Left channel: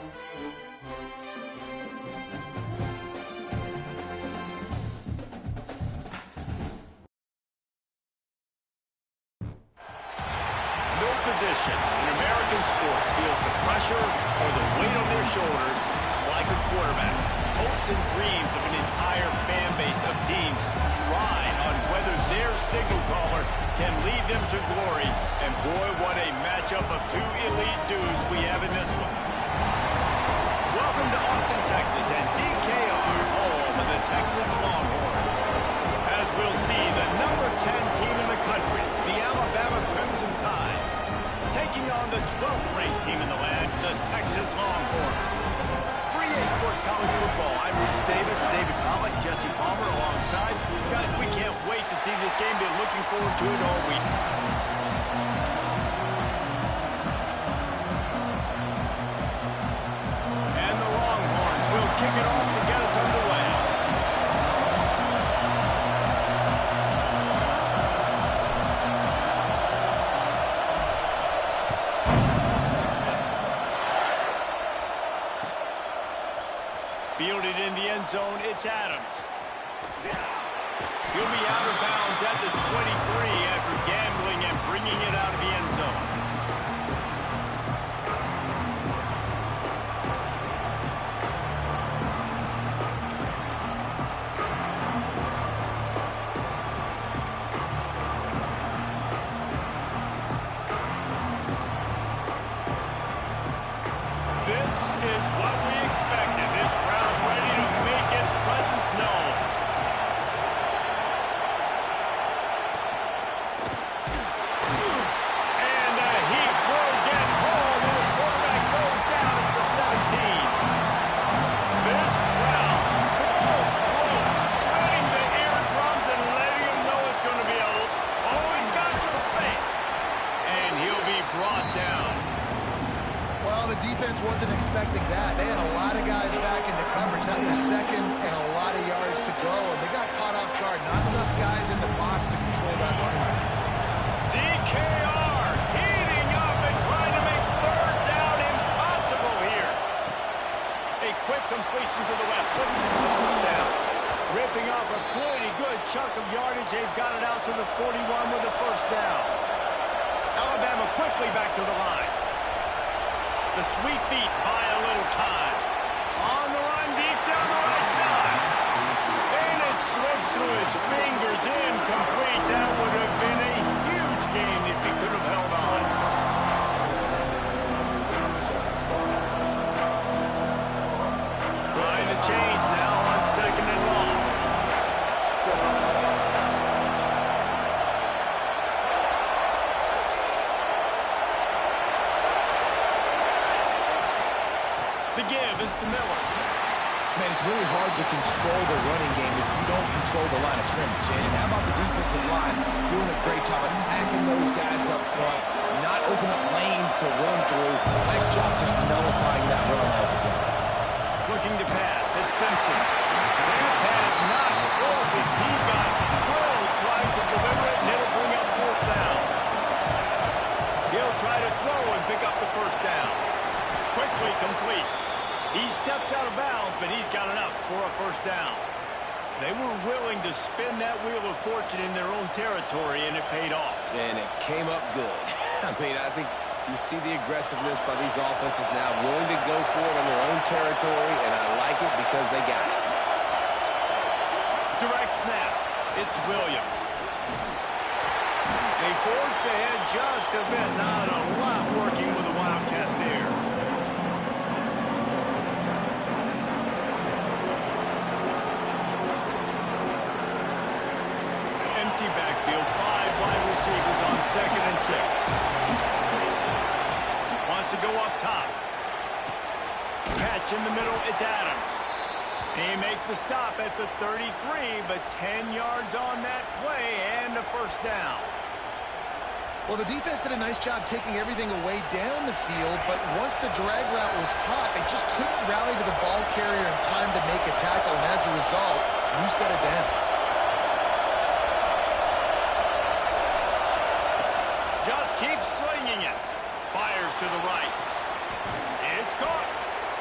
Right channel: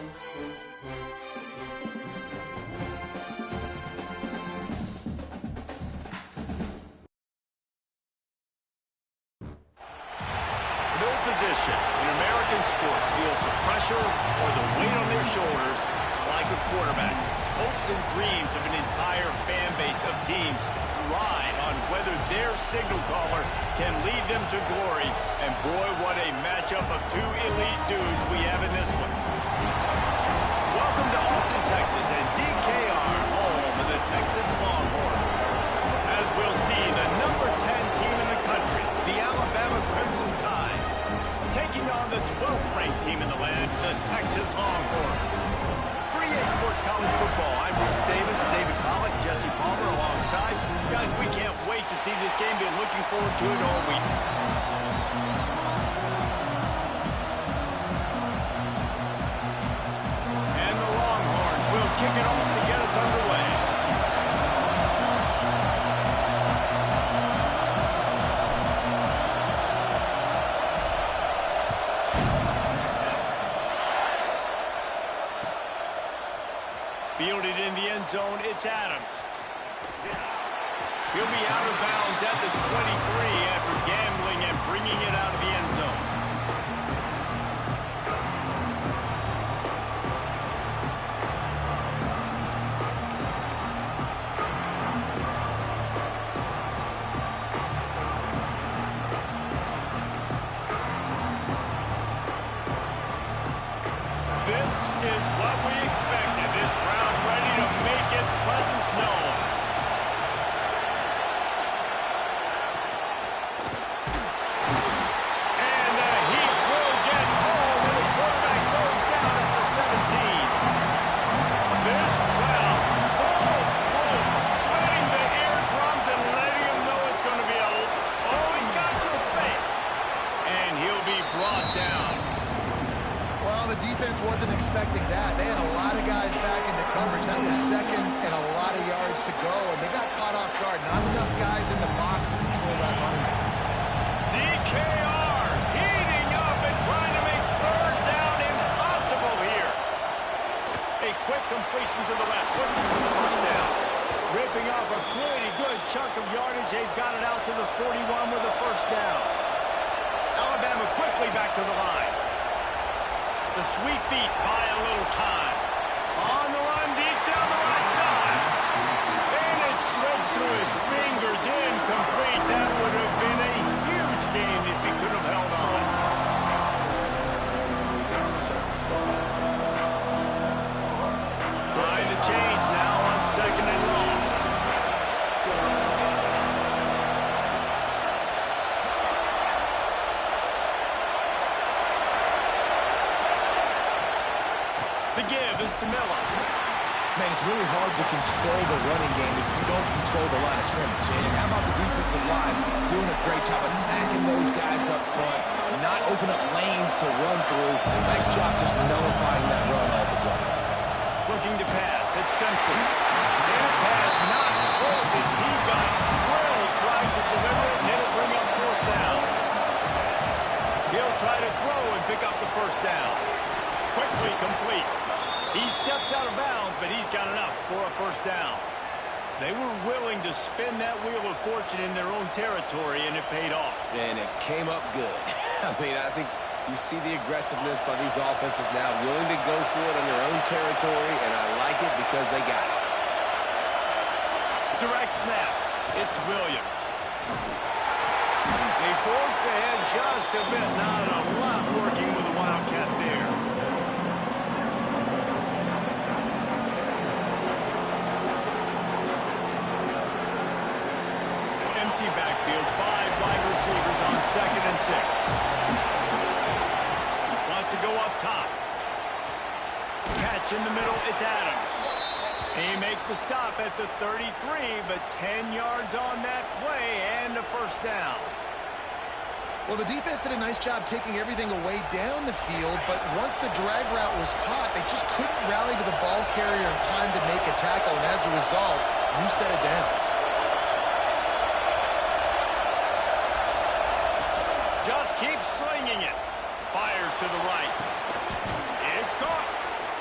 No position in American sports feels the pressure or the weight on their shoulders like a quarterback. Hopes and dreams of an entire fan base of teams ride on whether their signal caller can lead them to glory. And boy, what a matchup of two elite dudes we have in this one. Welcome to Austin, Texas, and DKR, home of the Texas Longhorns. As we'll see, the number 10 team in the country, the Alabama Crimson Tide, taking on the 12th ranked team in the land, the Texas Longhorns. For EA Sports College Football, I'm Reese Davis, David Pollock, Jesse Palmer alongside. Guys, we can't wait to see this game. Been looking forward to it all week. And the Longhorns will kick it off to get us underway. Fielded in the end zone, it's Adams. He'll be out of bounds at the 23 after gambling and bringing it out of the end zone. This is what we expected. This crowd ready to make its presence known. And the heat will get home, and the quarterback goes down at the 17. This crowd, full throat, spreading the eardrums and letting him know it's going to be a... Oh, he's got some space. And he'll be brought down. Well, the defense wasn't expecting that. They had a lot of guys back into coverage. That was second and a lot of yards to go, and they got caught off guard. Not enough guys in the box to control that running back. DKR heating up and trying to make third down impossible here. A quick completion to the left, looking for the first down. Ripping off a pretty good chunk of yardage. They've got it out to the 41 with the first down. Alabama quickly back to the line. The sweet feet buy a little time. On the run, deep down the right side. And it slips through his fingers, incomplete. That would have been a huge gain if he could have held on. Behind the chains now on second and long. The give is to Miller. Man, it's really hard to control the running game if you don't control the line of scrimmage. And how about the defensive line doing a great job attacking those guys up front, not opening up lanes to run through. Nice job just nullifying that run altogether. Looking to pass, it's Simpson. That pass not close as he got drilled trying to deliver it, and it'll bring up fourth down. He'll try to throw and pick up the first down. Quickly complete. He steps out of bounds, but he's got enough for a first down. They were willing to spin that wheel of fortune in their own territory, and it paid off. And it came up good. I mean, I think you see the aggressiveness by these offenses now, willing to go for it in their own territory, and I like it because they got it. Direct snap. It's Williams. They forced ahead just a bit. Not a lot working with the Wildcat there. Empty backfield, 5 wide receivers on 2nd and 6. Wants to go up top. Catch in the middle, it's Adams. He makes the stop at the 33, but 10 yards on that play and a first down. Well, the defense did a nice job taking everything away down the field, but once the drag route was caught, they just couldn't rally to the ball carrier in time to make a tackle, and as a result, new set of downs. Just keeps slinging it. Fires to the right. It's caught.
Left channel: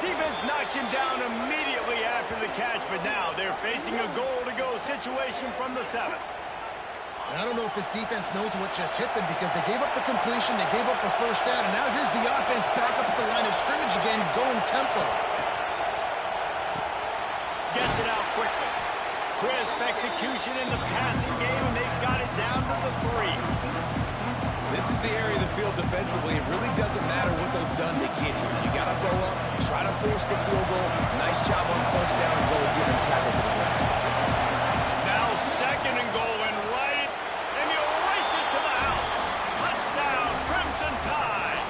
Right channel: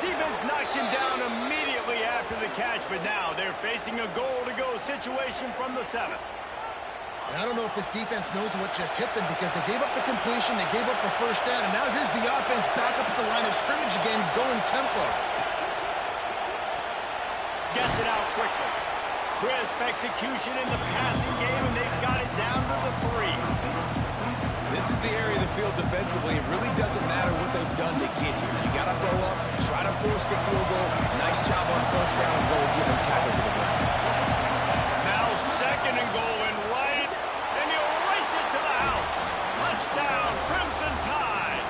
Defense knocks him down immediately after the catch, but now they're facing a goal-to-go situation from the 7. And I don't know if this defense knows what just hit them because they gave up the completion, they gave up a first down, and now here's the offense back up at the line of scrimmage again, going tempo. Gets it out quickly. Crisp execution in the passing game, and they've got it down to the 3. This is the area of the field defensively. It really doesn't matter what they've done to get here. You got to throw up, try to force the field goal. Nice job on first down and goal, get him tackled to the ground. Now 2nd and goal and right, and he'll race it to the house. Touchdown, Crimson Tide.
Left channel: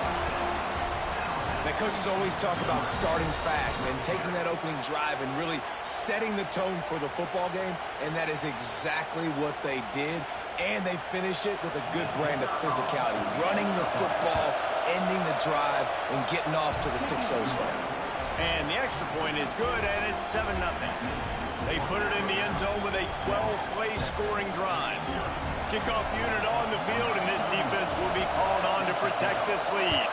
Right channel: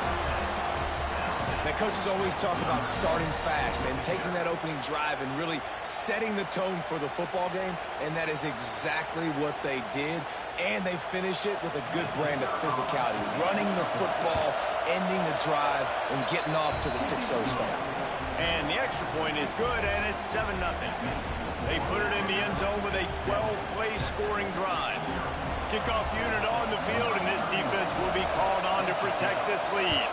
Now, coaches always talk about starting fast and taking that opening drive and really setting the tone for the football game, and that is exactly what they did. And they finish it with a good brand of physicality, running the football, ending the drive, and getting off to the 6-0 start. And the extra point is good, and it's 7-0. They put it in the end zone with a 12-play scoring drive. Kickoff unit on the field, and this defense will be called on to protect this lead.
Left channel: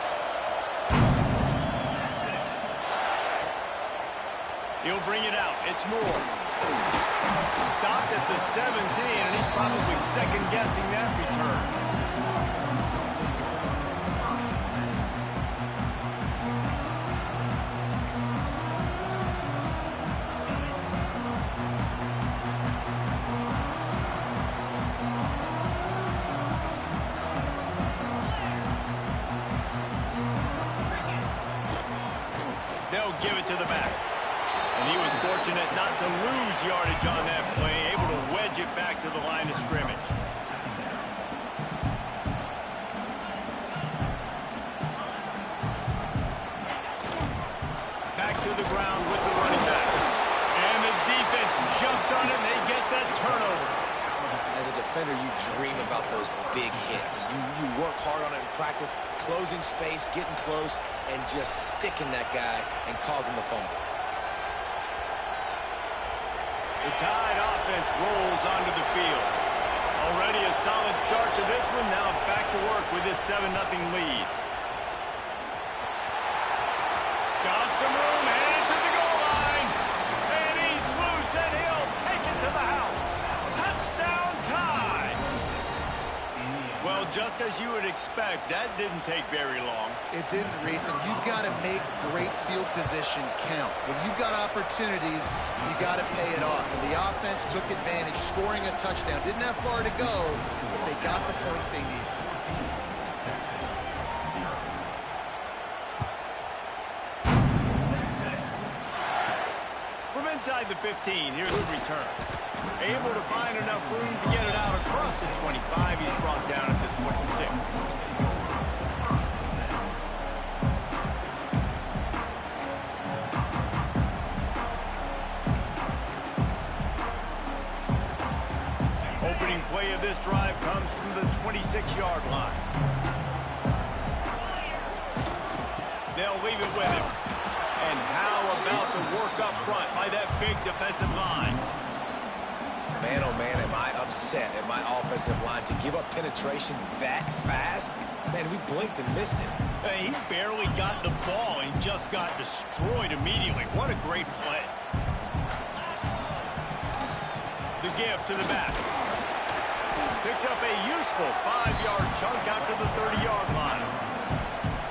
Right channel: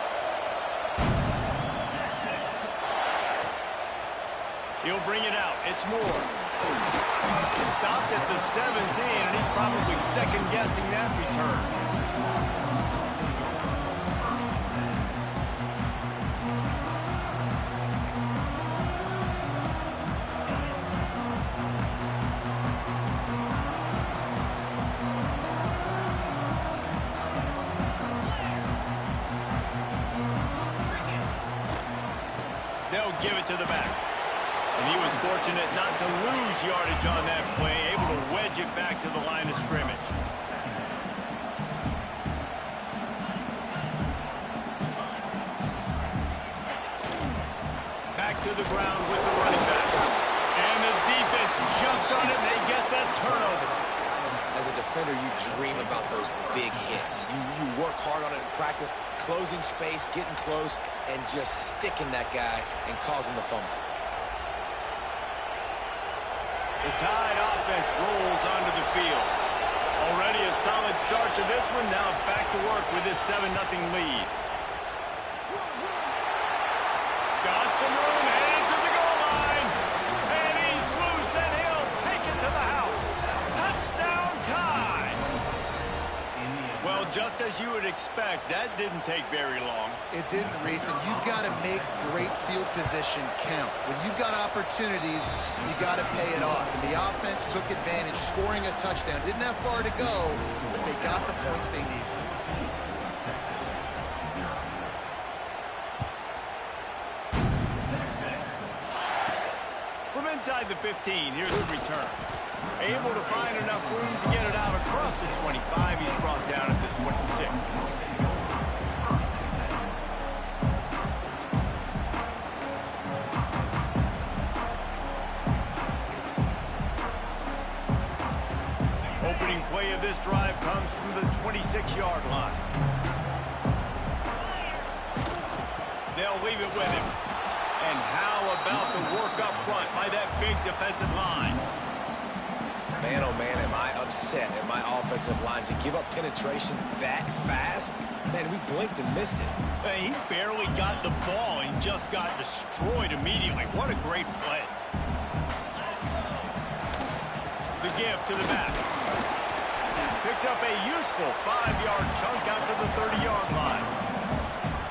He'll bring it out. It's Moore. Stopped at the 17, and he's probably second-guessing that return. They'll give it to the back. And he was fortunate not to lose yardage on that play, able to wedge it back to the line of scrimmage. Back to the ground with the running back. And the defense jumps on it, and they get that turnover. As a defender, you dream about those big hits. You work hard on it in practice, closing space, getting close, and just sticking that guy and causing the fumble. The Tide offense rolls onto the field. Already a solid start to this one. Now back to work with this 7-0 lead. Got some room, headed to the goal line. And he's loose, and he'll take it to the house. Touchdown, Tide. Well, just as you would expect, that didn't take very long. It didn't, Reese, and you've got to make great field position count. When you've got opportunities, you got to pay it off. And the offense took advantage, scoring a touchdown. Didn't have far to go, but they got the points they needed. From inside the 15, here's the return. Able to find enough room to get it out across the 25. He's brought down at the 26. Opening play of this drive comes from the 26-yard line. They'll leave it with him. And how about the work up front by that big defensive line? Man, oh man, am I upset at my offensive line to give up penetration that fast? Man, we blinked and missed it. He barely got the ball and just got destroyed immediately. What a great play. The give to the back. Picks up a useful 5-yard chunk out to the 30-yard line.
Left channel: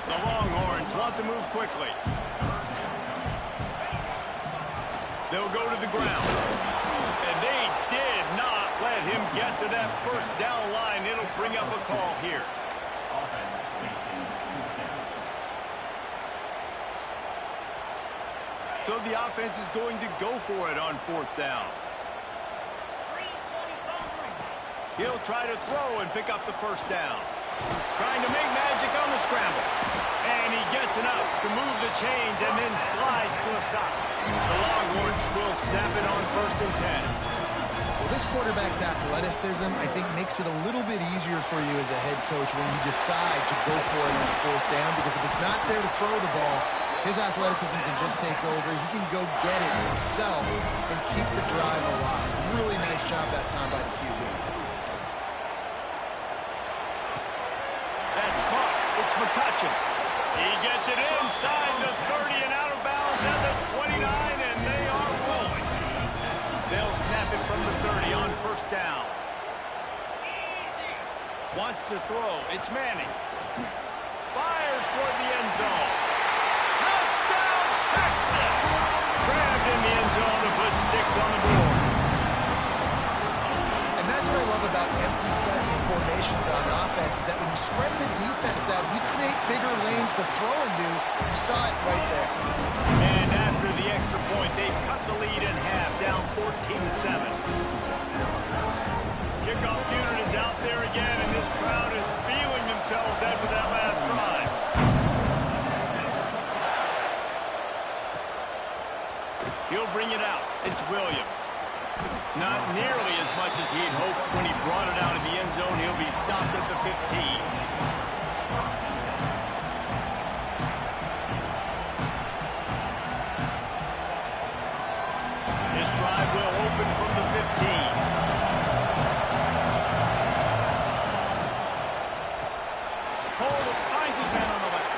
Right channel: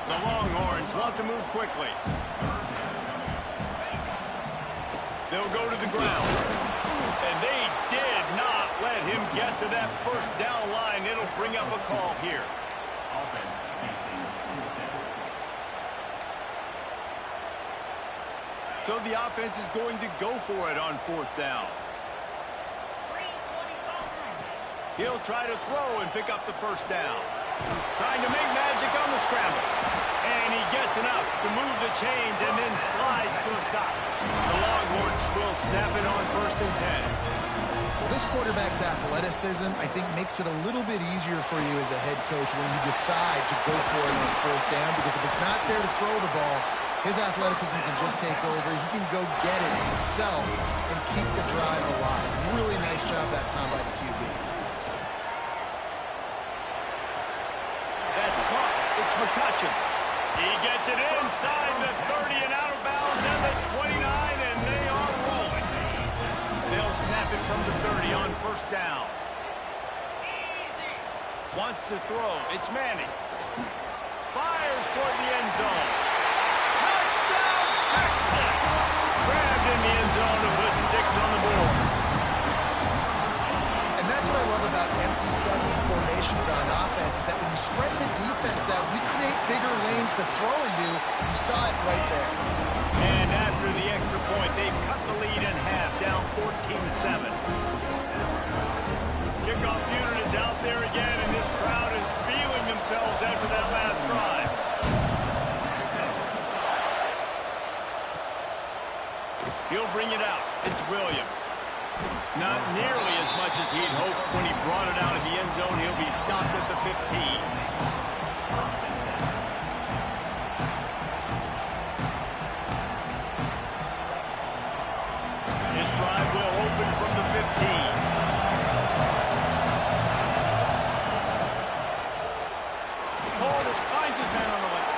The Longhorns want to move quickly. They'll go to the ground. And they did not let him get to that first down line. It'll bring up a call here. So the offense is going to go for it on 4th down. He'll try to throw and pick up the first down. Trying to make magic on the scramble. And he gets enough to move the chains and then slides to a stop. The Longhorns will snap it on 1st and 10. Well, this quarterback's athleticism, I think, makes it a little bit easier for you as a head coach when you decide to go for it on 4th down, because if it's not there to throw the ball, his athleticism can just take over. He can go get it himself and keep the drive alive. Really nice job that time by the QB. That's caught. It's McCutcheon. He gets it inside the 30 and out of bounds at the 29, and they are rolling. They'll snap it from the 30 on first down. Wants to throw. It's Manning. Fires toward the end zone. Touchdown, Texas! Grabbed in the end zone to put 6 on the board. And that's what I love about empty sets and formations on offense, is that when you spread the defense out, you create bigger lanes to throw into. You saw it right there. And after the extra point, they've cut the lead in half, down 14-7. Kickoff unit is out there again, and this crowd is feeling themselves after that last drive. He'll bring it out. It's Williams. Not nearly as much as he'd hoped when he brought it out of the end zone. He'll be stopped at the 15. His drive will open from the 15. Hold it, finds his man on the left.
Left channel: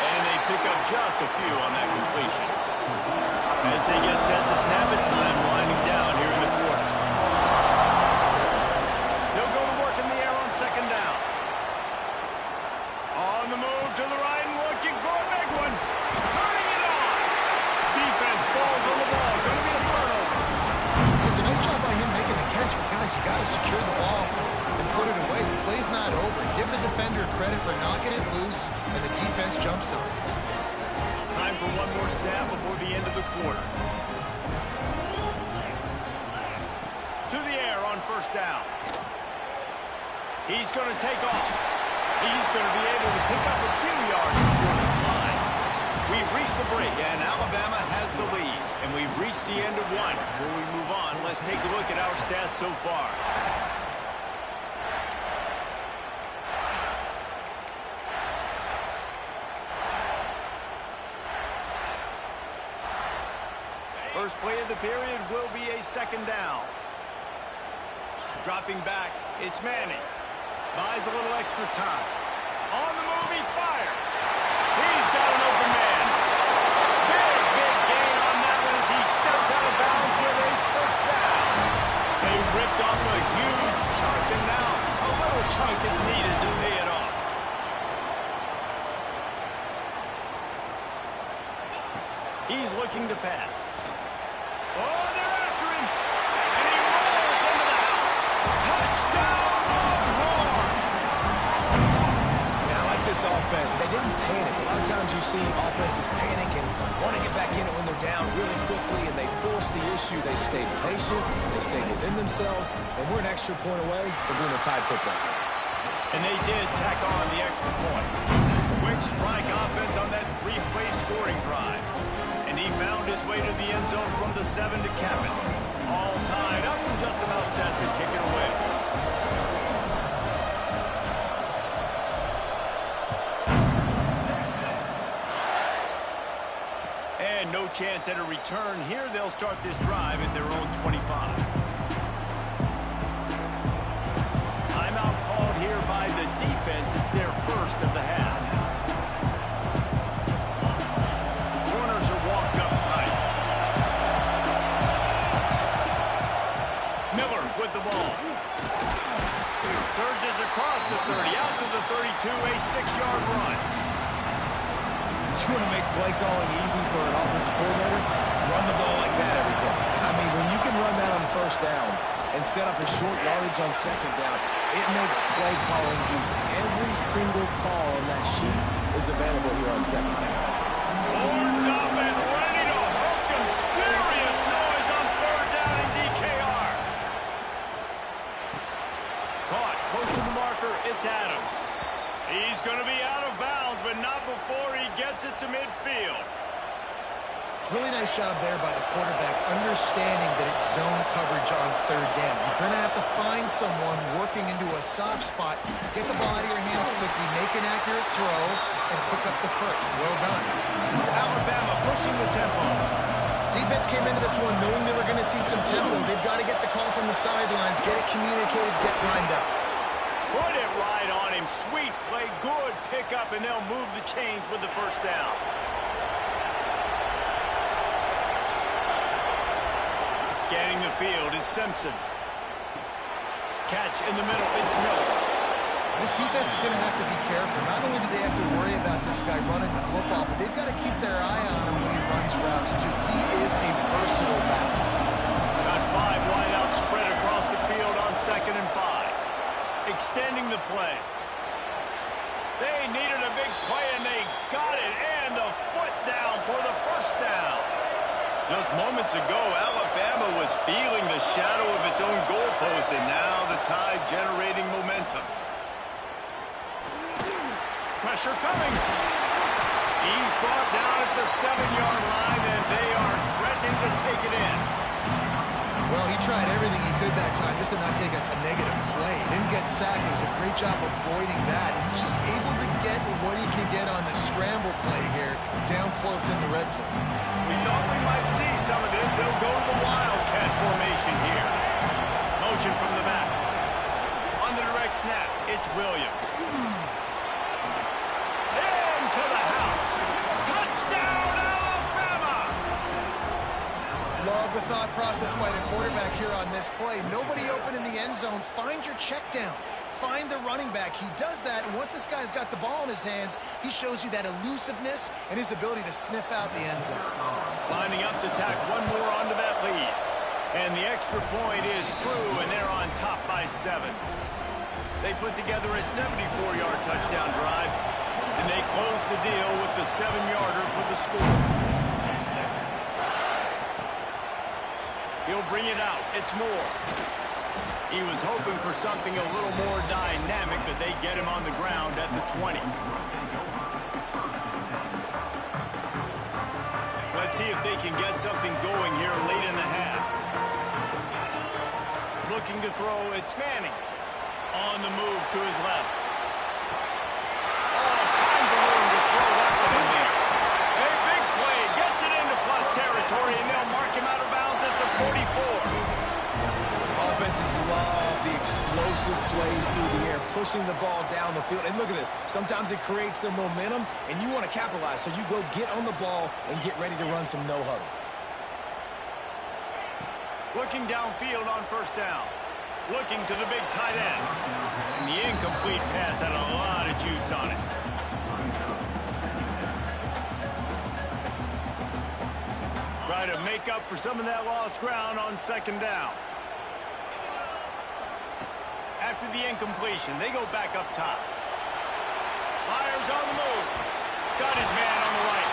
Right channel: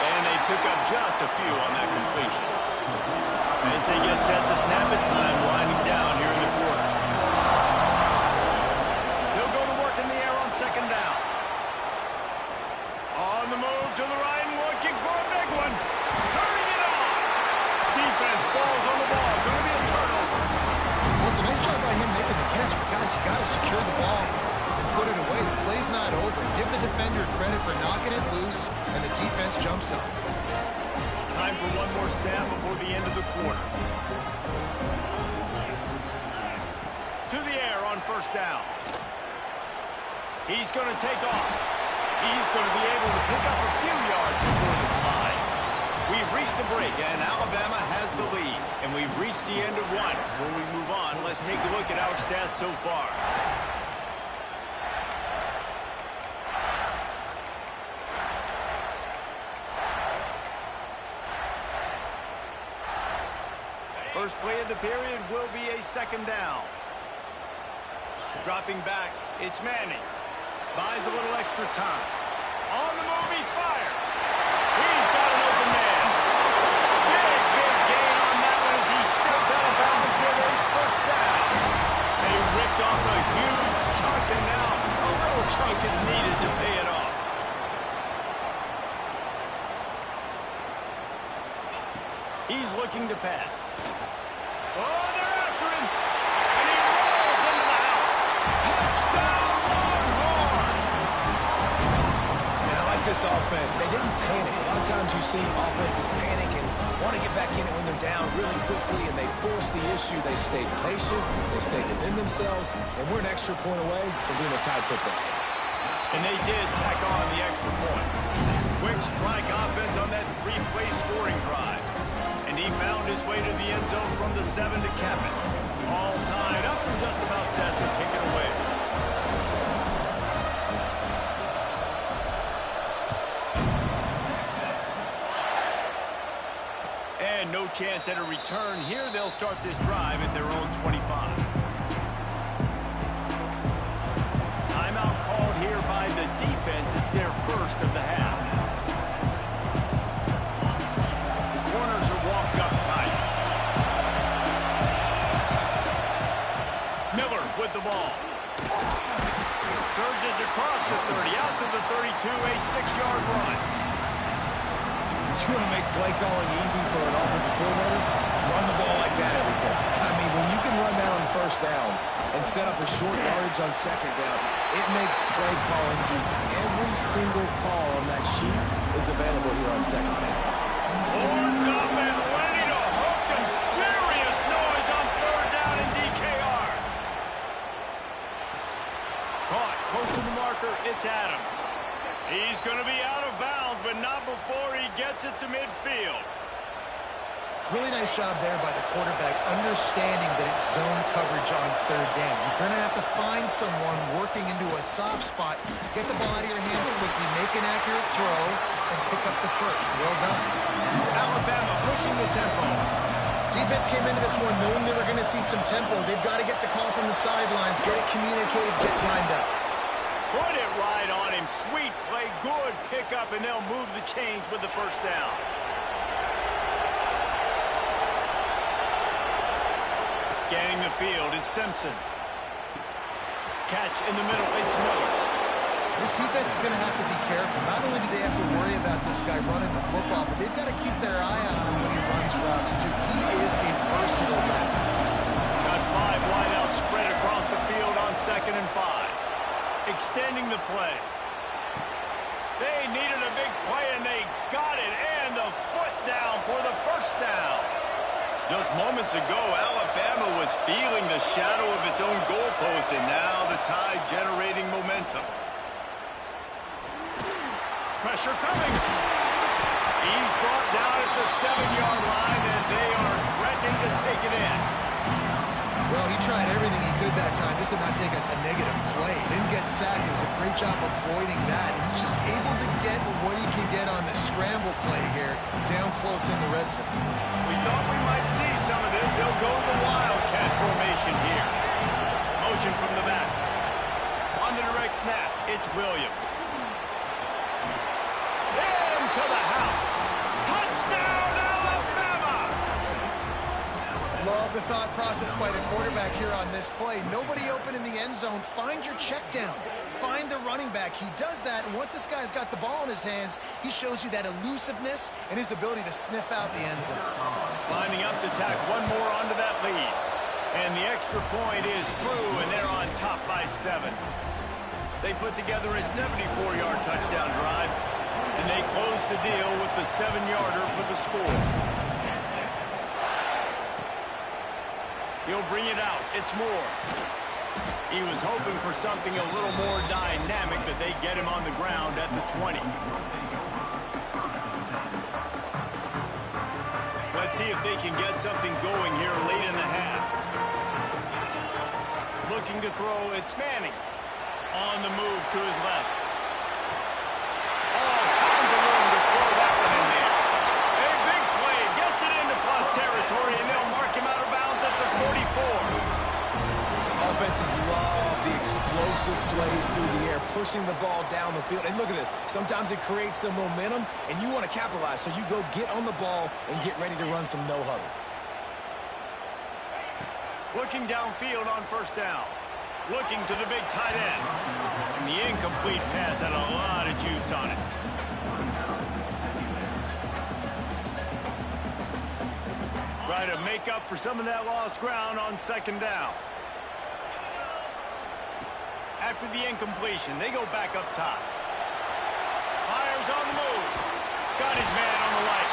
And they pick up just a few on that completion. As they get set to snap it, time winding down here in the quarter. They'll go to work in the air on second down. On the move to the right and looking for a big one. Turning it on. Defense falls on the ball. Going to be a turnover. Well, it's a nice job by him making the catch, but guys, you got to secure the ball and put it away. The play's not over. Give the defender credit for knocking it loose, and the defense jumps on it. Time for one more snap before the end of the quarter. To the air on first down. He's going to take off. He's going to be able to pick up a few yards before the slide. We've reached the break, and Alabama has the lead. And we've reached the end of one. Before we move on, let's take a look at our stats so far. First play of the period will be a second down. Dropping back, it's Manning. Buys a little extra time. On the move, he fires. He's got an open man. Big gain on that one as he steps out of bounds with a first down. They ripped off a huge chunk, and now a little chunk is needed to pay it off. He's looking to pass. Oh, they're after him. And he rolls into the house. Touchdown, Longhorn! And I like this offense. They didn't panic. A lot of times you see offenses panic and want to get back in it when they're down really quickly, and they force the issue. They stayed patient. They stayed within themselves. And we're an extra point away from being a tied football game. And they did tack on the extra point. Quick strike offense on that three-play scoring drive. And he found his way to the end zone from the 7 to cap it. All tied up and just about set to kick it away. And no chance at a return here. They'll start this drive at their own 25. Timeout called here by the defense. It's their first of the half. Walked up tight. Miller with the ball. Surges across the 30, out to the 32, a 6-yard run. You want to make play calling easy for an offensive coordinator? Run the ball like that every play. I mean, when you can run that on first down and set up a short yardage on second down, it makes play calling easy. Every single call on that sheet is available here on second down. Horns up and ready to hook them. Serious noise on third down in DKR. Caught close to the marker. It's Adams. He's going to be out of bounds, but not before he gets it to midfield. Really nice job there by the quarterback, understanding that it's zone coverage on third down. You're going to have to find someone working into a soft spot, get the ball out of your hands quickly, make an accurate throw, and pick up the first. Well done. Alabama pushing the tempo. Defense came into this one knowing they were going to see some tempo. They've got to get the call from the sidelines, get it communicated, get lined up. Put it right on him. Sweet play, good pickup, and they'll move the chains with the first down. Scanning the field, it's Simpson. Catch in the middle, it's Miller. This defense is going to have to be careful. Not only do they have to worry about this guy running the football, but they've got to keep their eye on him when he runs routes, too. He is a versatile back. Got 5 wideouts spread across the field on 2nd and 5. Extending the play. They needed a big play, and they got it. And the foot down for the first down. Just moments ago, Alabama was feeling the shadow of its own goalpost, and now the Tide generating momentum. Pressure coming. He's brought down at the 7-yard line, and they are threatening to take it in. Well, he tried everything he could that time just to not take a negative play. He didn't get sacked. It was a great job avoiding that. He's just able to get what he can get on the scramble play here, down close in the red zone. We thought we might see some of this. They'll go to the Wildcat formation here. Motion from the back. On the direct snap, it's Williams. Into the house. Touchdown, Alabama! Love the thought process by the quarterback here on this play. Nobody open in the end zone. Find your check down. Find the running back. He does that, and once this guy's got the ball in his hands, he shows you that elusiveness and his ability to sniff out the end zone. Lining up to tack one more onto that lead. And the extra point is true, and they're on top by 7. They put together a 74-yard touchdown drive, and they close the deal with the 7-yarder for the score. He'll bring it out. It's Moore. He was hoping for something a little more dynamic, but they get him on the ground at the 20. Let's see if they can get something going here late in the half. Looking to throw, it's Manning. On the move to his left. All kinds of room to throw that one in there. A big play, gets it into plus territory, and they'll mark him out of bounds at the 44. Offenses love the explosive plays through the air, pushing the ball down the field. And look at this. Sometimes it creates some momentum, and you want to capitalize. So you go get on the ball and get ready to run some no-huddle. Looking downfield on first down. Looking to the big tight end. And the incomplete pass had a lot of juice on it. Try to make up for some of that lost ground on 2nd down. After the incompletion, they go back up top. Fires on the move. Got his man on the right.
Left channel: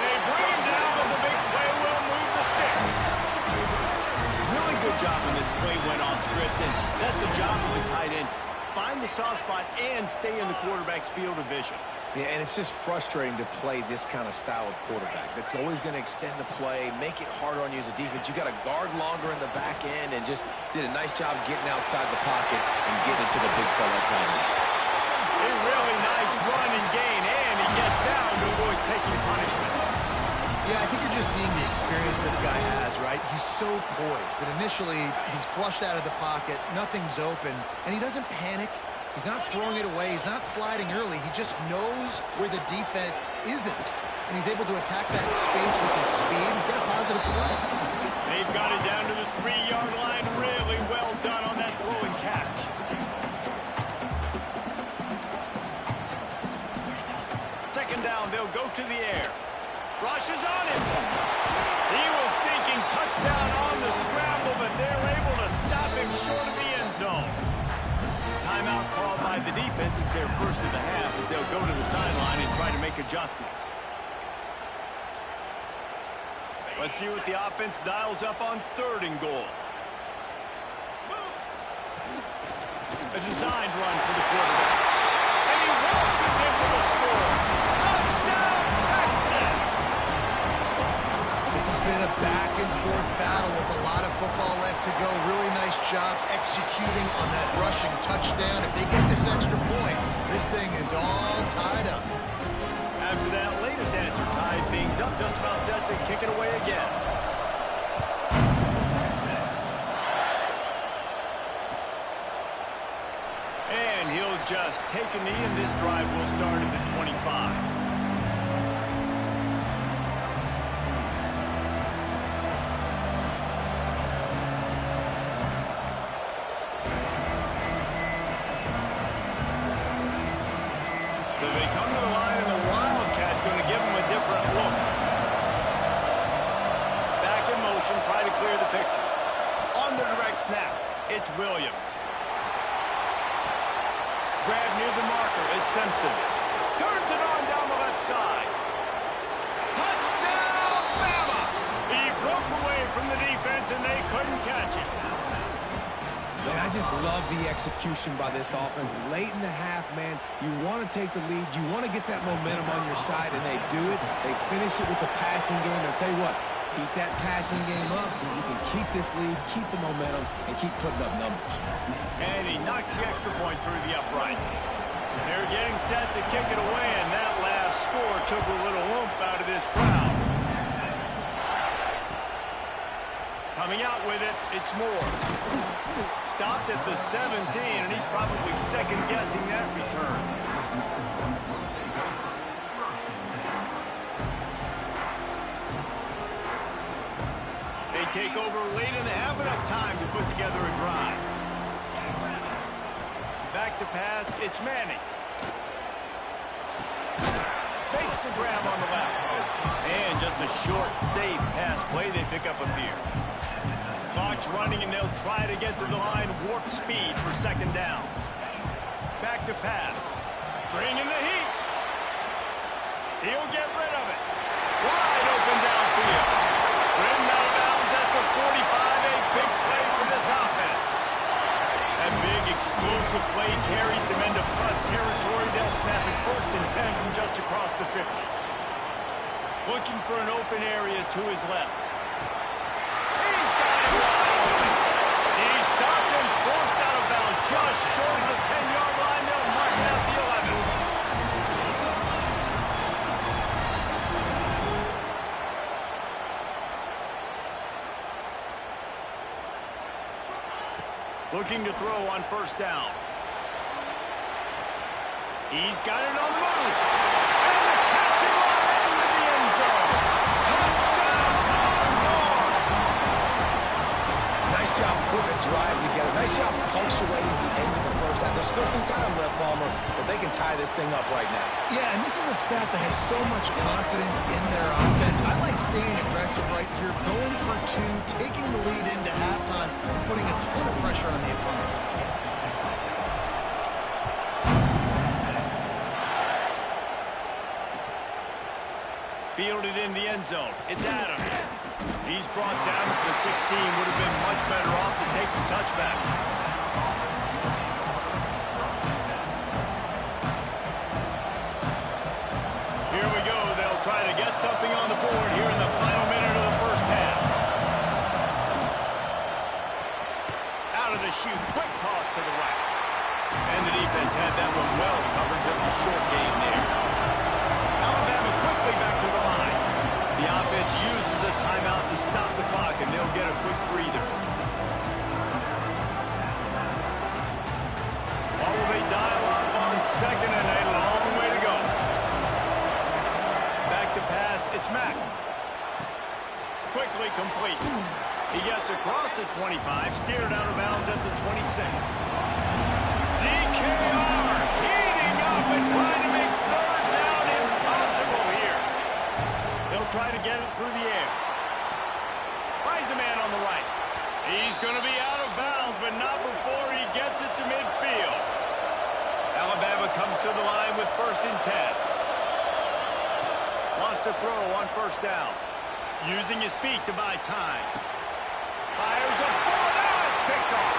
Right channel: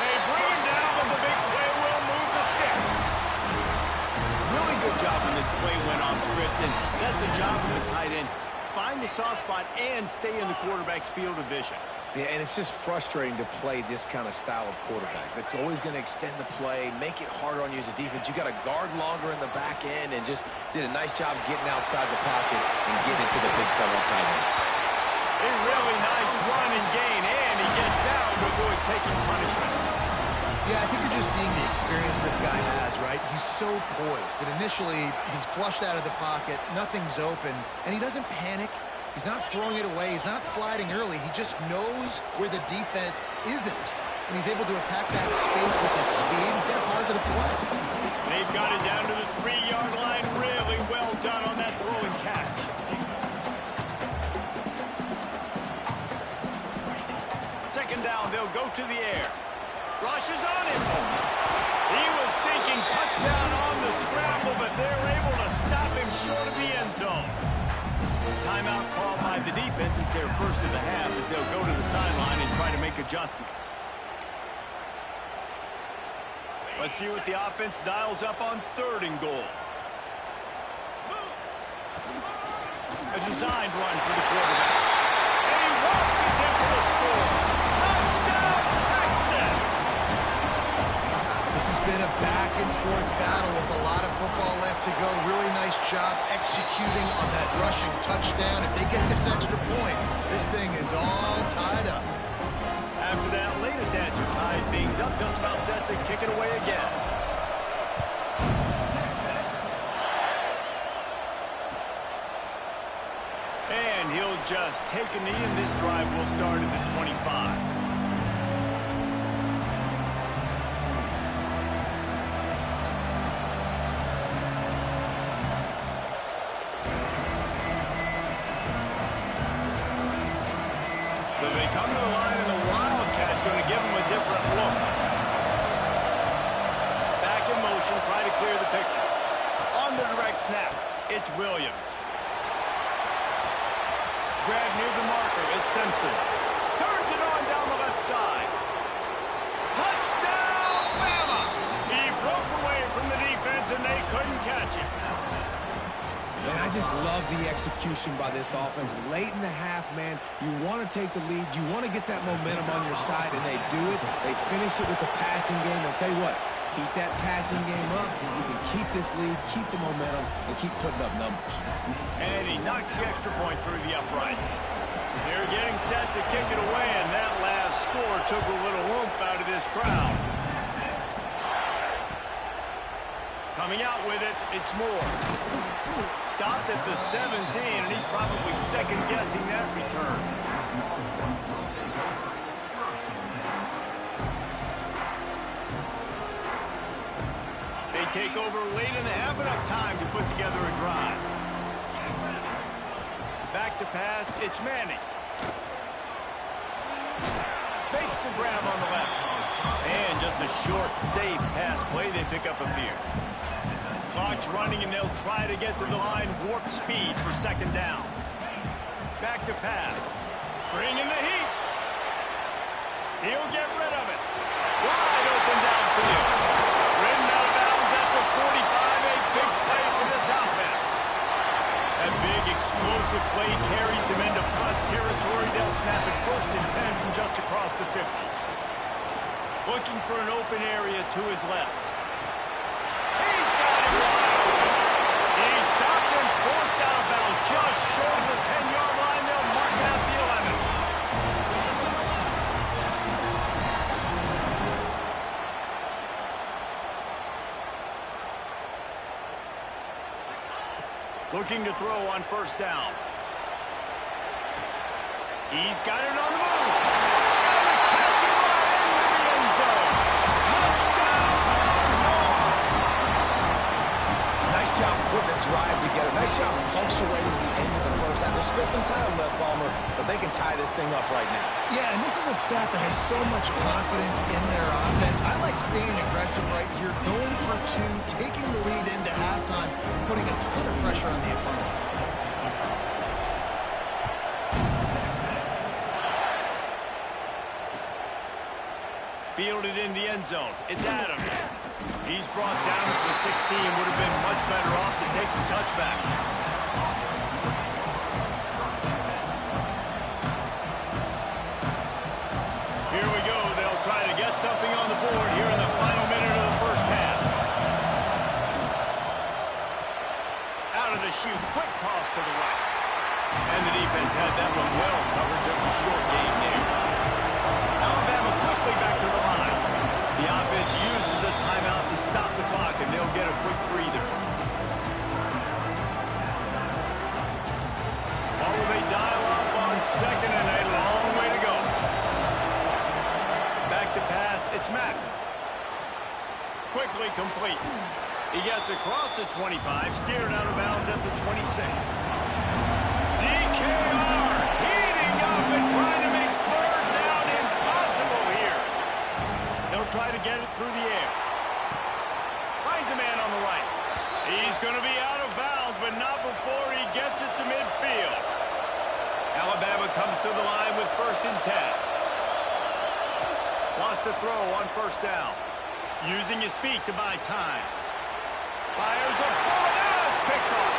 They bring him down, but the big play will move the sticks. Really good job when this play went off script, and that's the job of a tight end. Find the soft spot and stay in the quarterback's field of vision. Yeah, and it's just frustrating to play this kind of style of quarterback. That's always going to extend the play, make it harder on you as a defense. You got to guard longer in the back end, and just did a nice job getting outside the pocket and getting it to the big fella up tight end. A really nice run and gain, and he gets down to avoid taking punishment. Yeah, I think you're just seeing the experience this guy has, right? He's so poised that initially he's flushed out of the pocket, nothing's open, and he doesn't panic. He's not throwing it away. He's not sliding early. He just knows where the defense isn't, and he's able to attack that space with his speed and get a positive play. They've got it down to the 3-yard line. Really well done on that throw and catch. Second down, they'll go to the air. Rushes on him. He was thinking touchdown on the scramble, but they're able to stop him short of the end zone. Timeout called by the defense. It's their first of the half as they'll go to the sideline and try to make adjustments. Let's see what the offense dials up on 3rd and goal. A designed run for the quarterback. And he waltzes in for the score. Touchdown, Texas! This has been a back-and-forth battle with a lot of football left to go. Really nice job executing on that rushing touchdown. If they get this extra point, this thing is all tied up. After that latest answer tied things up, just about set to kick it away again. And he'll just take a knee, and this drive will start at the 25. So they come to the line, and the Wildcat going to give them a different look. Back in motion, try to clear the picture. On the direct snap, it's Williams. Grab near the marker, it's Simpson. Turns it on down the left side. Touchdown, Bama! He broke away from the defense, and they couldn't catch him. Man, I just love the execution by this offense. Late in the half, man, you want to take the lead. You want to get that momentum on your side, and they do it. They finish it with the passing game. I'll tell you what, keep that passing game up. You can keep this lead, keep the momentum, and keep putting up numbers. And he knocks the extra point through the uprights. They're getting set to kick it away, and that last score took a little oomph out of this crowd. Coming out with it, it's Moore. Stopped at the 17, and he's probably second-guessing that return. They take over late and have enough time to put together a drive. Back to pass, it's Manning. Makes the grab on the left. And just a short, safe pass play, they pick up a few. Clock's running, and they'll try to get to the line warp speed for second down. Back to pass. Bringing the heat. He'll get rid of it. Wide open downfield. Rimmed out of bounds at the 45. A big play for this offense. That big explosive play carries them into plus territory. They'll snap it 1st and 10 from just across the 50. Looking for an open area to his left. He's got it wide open. He's stopped and forced out of bounds just short of the 10-yard line. They'll mark it at the 11. Looking to throw on 1st down. He's got it on the move. And the catch and run into the end zone. Touchdown, Longhorn! Nice job putting a drive together. Nice job punctuating the end of the first half. There's still some time left, Palmer, but they can tie this thing up right now. Yeah, and this is a staff that has so much confidence in their offense. I like staying aggressive right here, going for 2, taking the lead into halftime, putting a ton of pressure on the opponent. Fielded in the end zone. It's Adams. He's brought down to the 16. Would have been much better off to take the touchback. Here we go. They'll try to get something on the board here in the final minute of the first half. Out of the chute. Quick toss to the right. And the defense had that one well covered. Just a short gain there. Alabama quickly back to the line. The offense uses a timeout to stop the clock, and they'll get a quick breather. Or will they dial up on 2nd and a long way to go? Back to pass, it's Mack. Quickly complete. He gets across the 25, steered out of bounds at the 26. DKR heating up and trying to make 3rd down impossible here. He'll try to get it through the air. Finds a man on the right. He's going to be out of bounds, but not before he gets it to midfield. Alabama comes to the line with 1st and 10. Lost a throw on 1st down. Using his feet to buy time. Fires a bullet. Now it's picked off.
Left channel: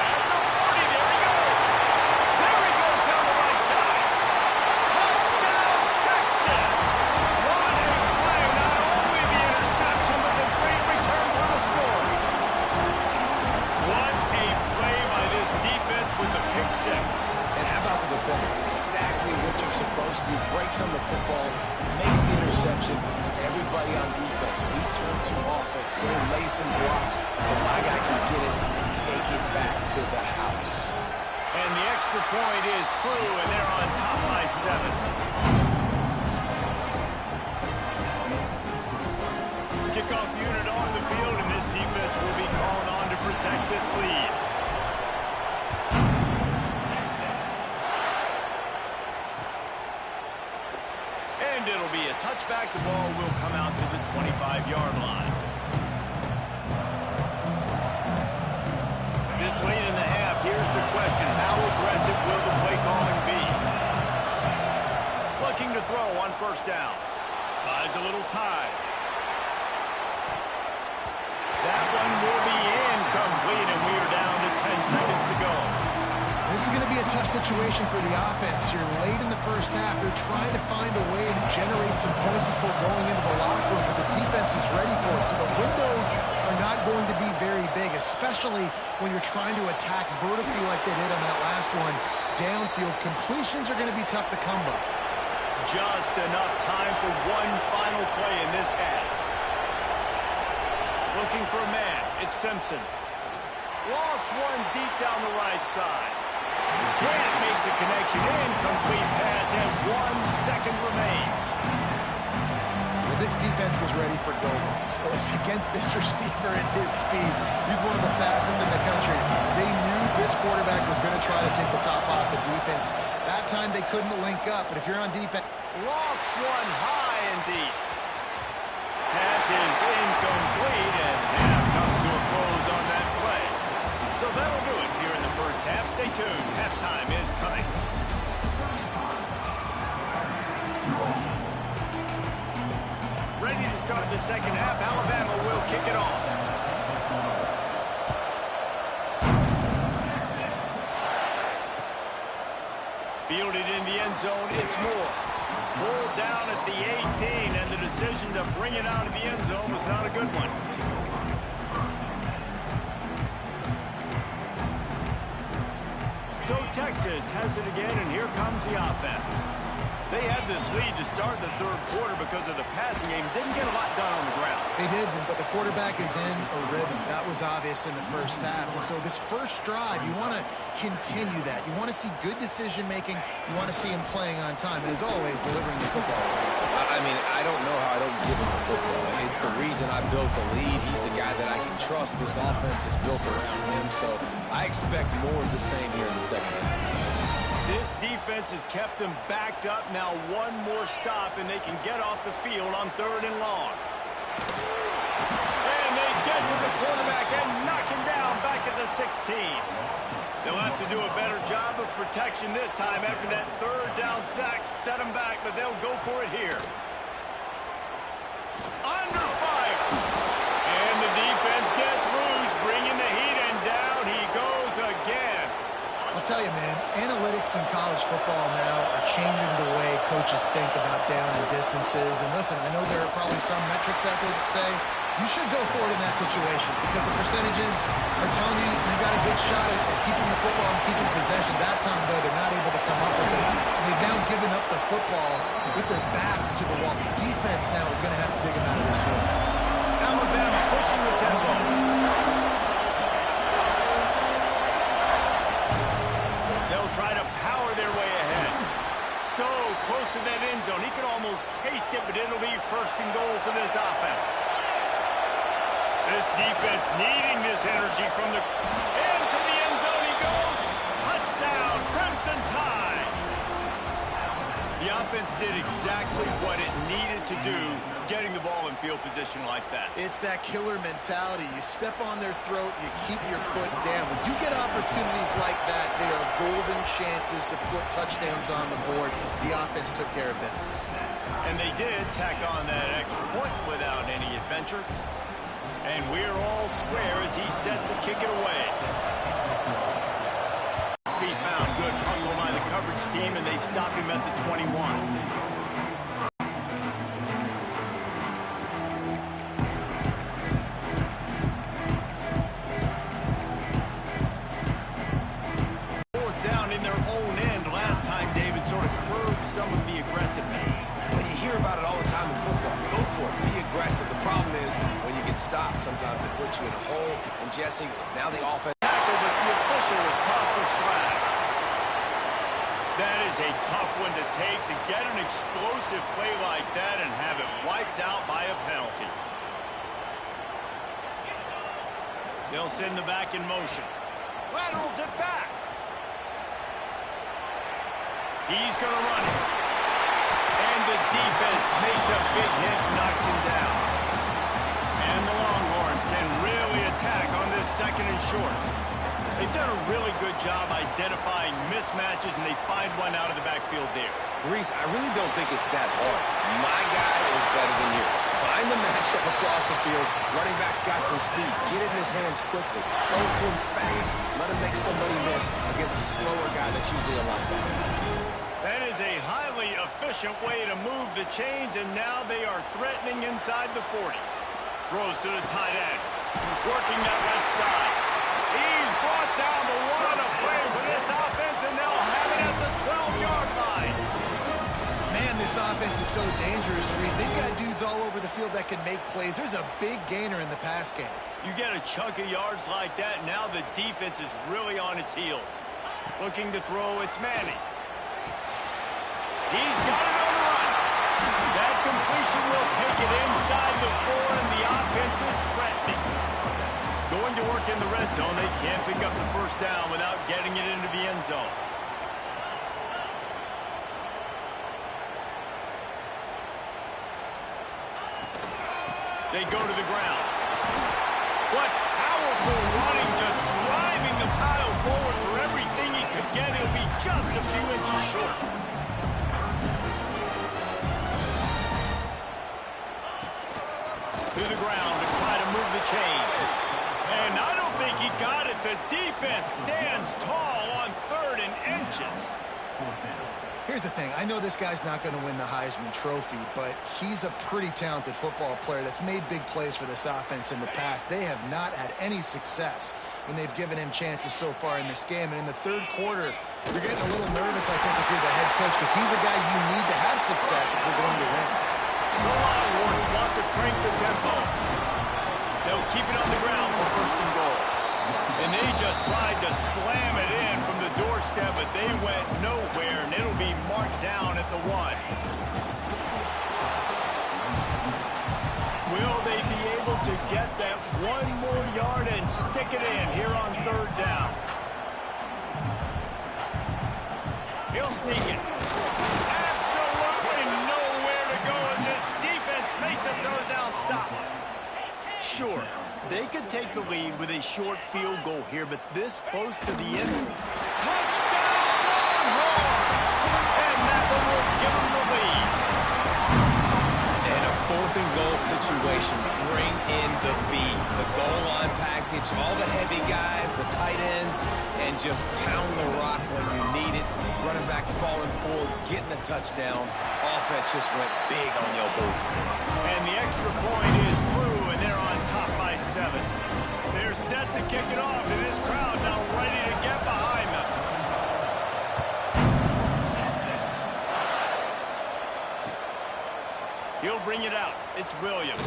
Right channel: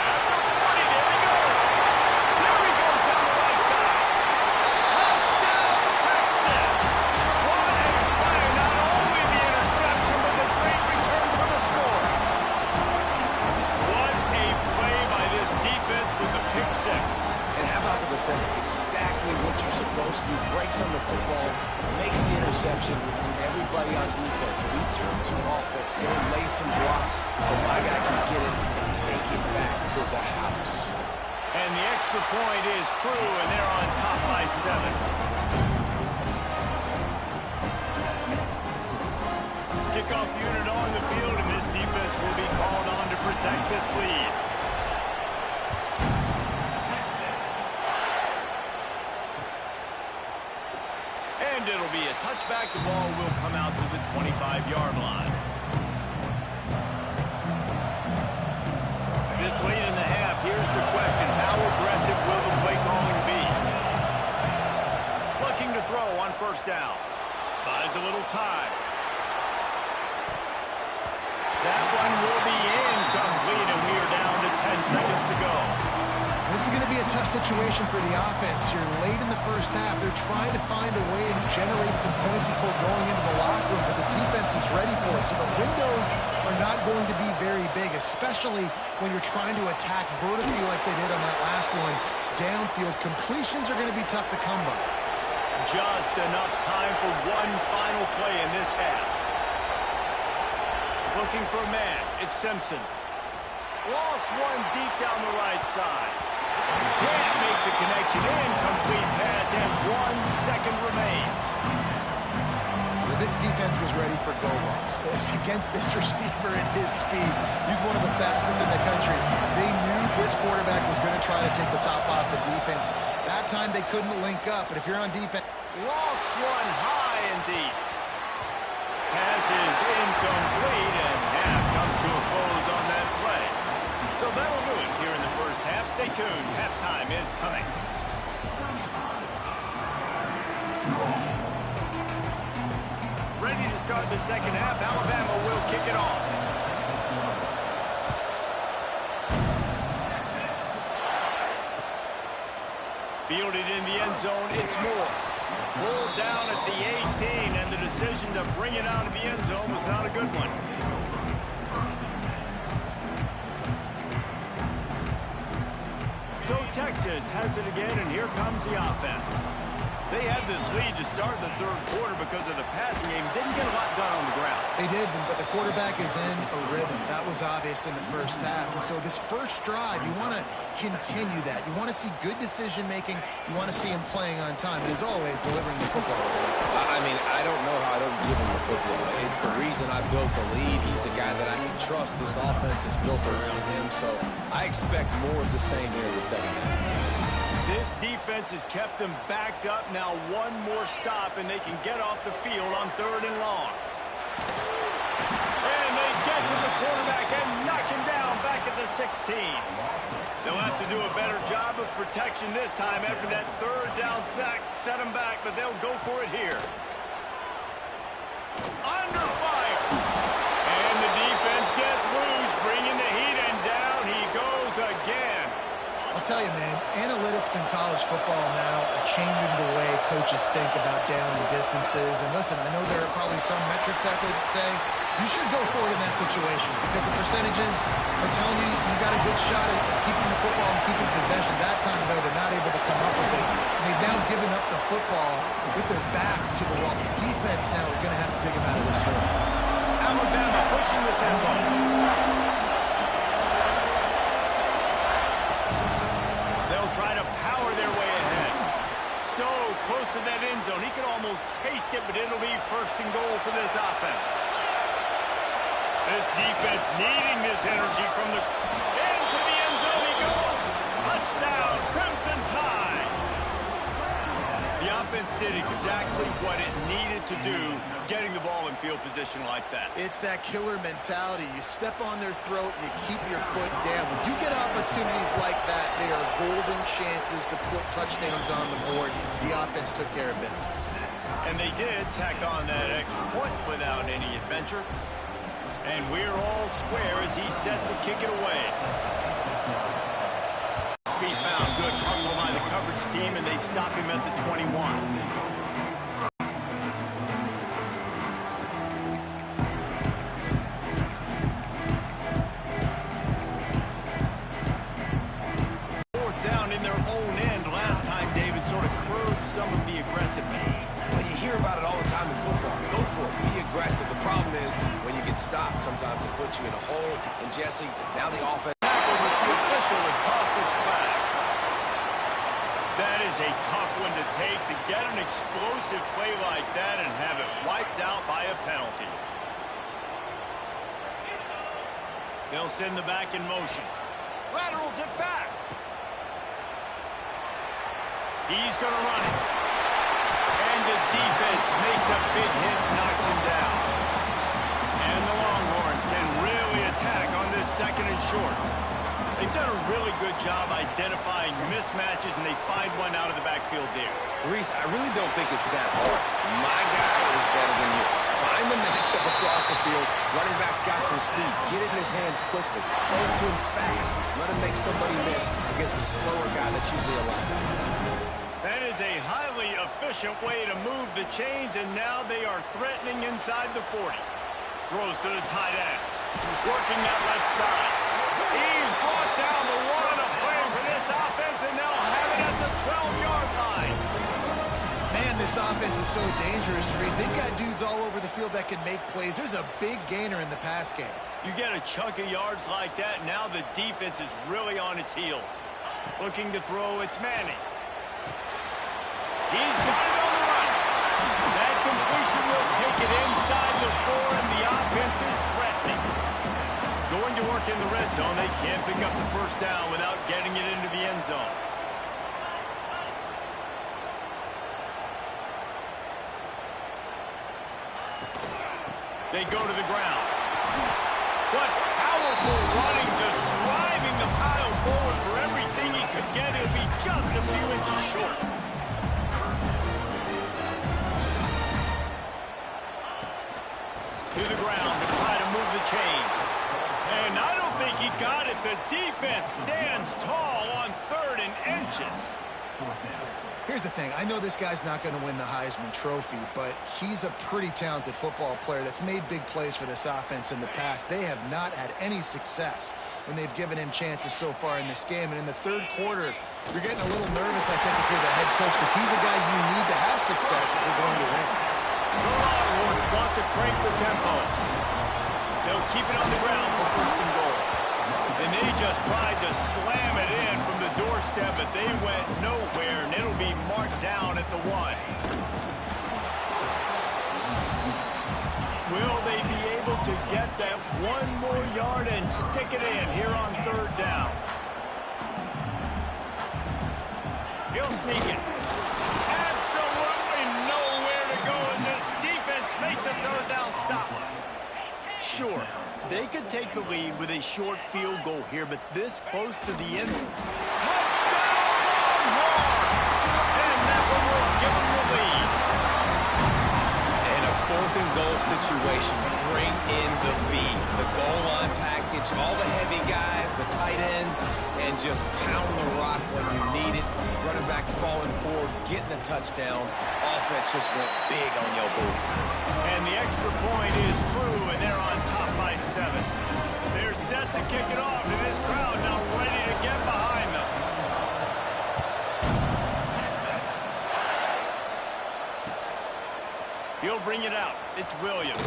At the 40, there he goes. There he goes down the right side. Touchdown, Texas. What a play. Not only the interception, but the great return for the score. What a play by this defense with the pick 6. And how about the defender? Exactly what you're supposed to do. Breaks on the football, makes the interception. Everybody on defense, we turn to offense. Go lay some blocks so my guy can get it and take it back to the house. And the extra point is true, and they're on top by 7. Kickoff unit on the field, and this defense will be called on to protect this lead. it'll be a touchback. The ball will come out to the 25-yard line. This late in the half, here's the question. How aggressive will the play calling be? Looking to throw on first down. Buys a little time. That one will be incomplete, and we are down to 10 seconds to go. This is going to be a tough situation for the offense here. Late in the first half, they're trying to find a way to generate some points before going into the locker room, but the defense is ready for it. So the windows are not going to be very big, especially when you're trying to attack vertically like they did on that last one. Downfield completions are going to be tough to come by. Just enough time for one final play in this half. Looking for a man. It's Simpson. Lost one deep down the right side. Can't make the connection. Incomplete pass, and 1 second remains. Well, this defense was ready for go balls. Against this receiver at his speed, he's one of the fastest in the country. They knew this quarterback was going to try to take the top off the defense. That time they couldn't link up, but if you're on defense... Lofts one high and deep. Pass is incomplete, and half comes to a close on that play. So that'll do it here in the first half. Stay tuned. Halftime is coming. Ready to start the second half. Alabama will kick it off. Fielded in the end zone. It's Moore. Pulled down at the 18, and the decision to bring it out of the end zone was not a good one. So Texas has it again, and here comes the offense. They had this lead to start the third quarter because of the passing game. Didn't get a lot done on the ground. They did, but the quarterback is in a rhythm. That was obvious in the first half. And so this first drive, you want to continue that. You want to see good decision-making. You want to see him playing on time. And as always, delivering the football. I mean, I don't know how I don't give him the football. It's the reason I built the lead. He's the guy that I can trust. This offense is built around him. So I expect more of the same here in the second half. This defense has kept them backed up. Now one more stop, and they can get off the field on 3rd and long. And they get to the quarterback and knock him down back at the 16. They'll have to do a better job of protection this time after that 3rd down sack set them back, but they'll go for it here. Under fire. And the defense gets loose, bringing the heat, and down he goes again. I'll tell you, man, analytics in college football now are changing the way coaches think about down and distances. And listen, I know there are probably some metrics out there that say you should go for it in that situation because the percentages are telling you you got a good shot at keeping the football and keeping possession. That time, though, they're not able to come up with it. And they've now given up the football with their backs to the wall. The defense now is going to have to dig them out of this hole. Alabama pushing the tempo. They'll try to power their way ahead. So close to that end zone. He could almost taste it, but it'll be 1st and goal for this offense. This defense needing this energy from the... Into the end zone he goes. Touchdown, Crimson Tide. The offense did exactly what it needed to do, getting the ball in field position like that. It's that killer mentality. You step on their throat, you keep your foot down. When you get opportunities like that, they are golden chances to put touchdowns on the board. The offense took care of business. And they did tack on that extra point without any adventure. And we're all square as he's set to kick it away. Be found. Good hustle by the coverage team, and they stop him at the 21. Fourth down in their own end. Last time, David sort of curbed some of the aggressiveness. Well, you hear about it all the time in football. Go for it. Be aggressive. The problem is when you get stopped, sometimes it puts you in a hole. And, Jesse, now the offense... But the official has tossed his flag. That is a tough one to take, to get an explosive play like that and have it wiped out by a penalty. They'll send the back in motion. Laterals it back. He's going to run it. And the defense makes a big hit, knocks him down. And the Longhorns can really attack on this second and short. They've done a really good job identifying mismatches, and they find one out of the backfield there. Reese, I really don't think it's that hard. My guy is better than yours. Find the matchup across the field. Running back's got some speed. Get it in his hands quickly. Throw it to him fast. Let him make somebody miss against a slower guy that's usually a linebacker. That is a highly efficient way to move the chains, and now they are threatening inside the 40. Throws to the tight end. Working that left side. He's brought down, the one to play for this offense, and they'll have it at the 12-yard line. Man, this offense is so dangerous, Reese. They've got dudes all over the field that can make plays. There's a big gainer in the pass game. You get a chunk of yards like that, now the defense is really on its heels. Looking to throw, it's Manning. He's got it on the run. That completion will take it inside the 4, and the offense is threatening. Going to work in the red zone, they can't pick up the first down without getting it into the end zone. They go to the ground. What powerful running, just driving the pile forward for everything he could get. He'll be just a few inches short. To the ground to try to move the chains. And I don't think he got it. The defense stands tall on 3rd and inches. Here's the thing. I know this guy's not going to win the Heisman Trophy, but he's a pretty talented football player that's made big plays for this offense in the past. They have not had any success when they've given him chances so far in this game. And in the third quarter, you're getting a little nervous, I think, if you're the head coach, because he's a guy you need to have success if you're going to win. The Longhorns want to crank the tempo. They'll keep it on the ground for 1st and goal. And they just tried to slam it in from the doorstep, but they went nowhere, and it'll be marked down at the 1. Will they be able to get that 1 more yard and stick it in here on 3rd down? He'll sneak it. Absolutely nowhere to go as this defense makes a 3rd down stop. Sure, they could take the lead with a short field goal here, but this close to the end. Touchdown, Longhorns! And that one will give them the lead. In a 4th and goal situation, bring in the beef. The goal line package, all the heavy guys, the tight ends, and just pound the rock when you need it. Running back falling forward, getting the touchdown. Offense just went big on your booty. And the extra point is true, and they're on top by 7. They're set to kick it off, and this crowd now ready to get behind them. He'll bring it out. It's Williams.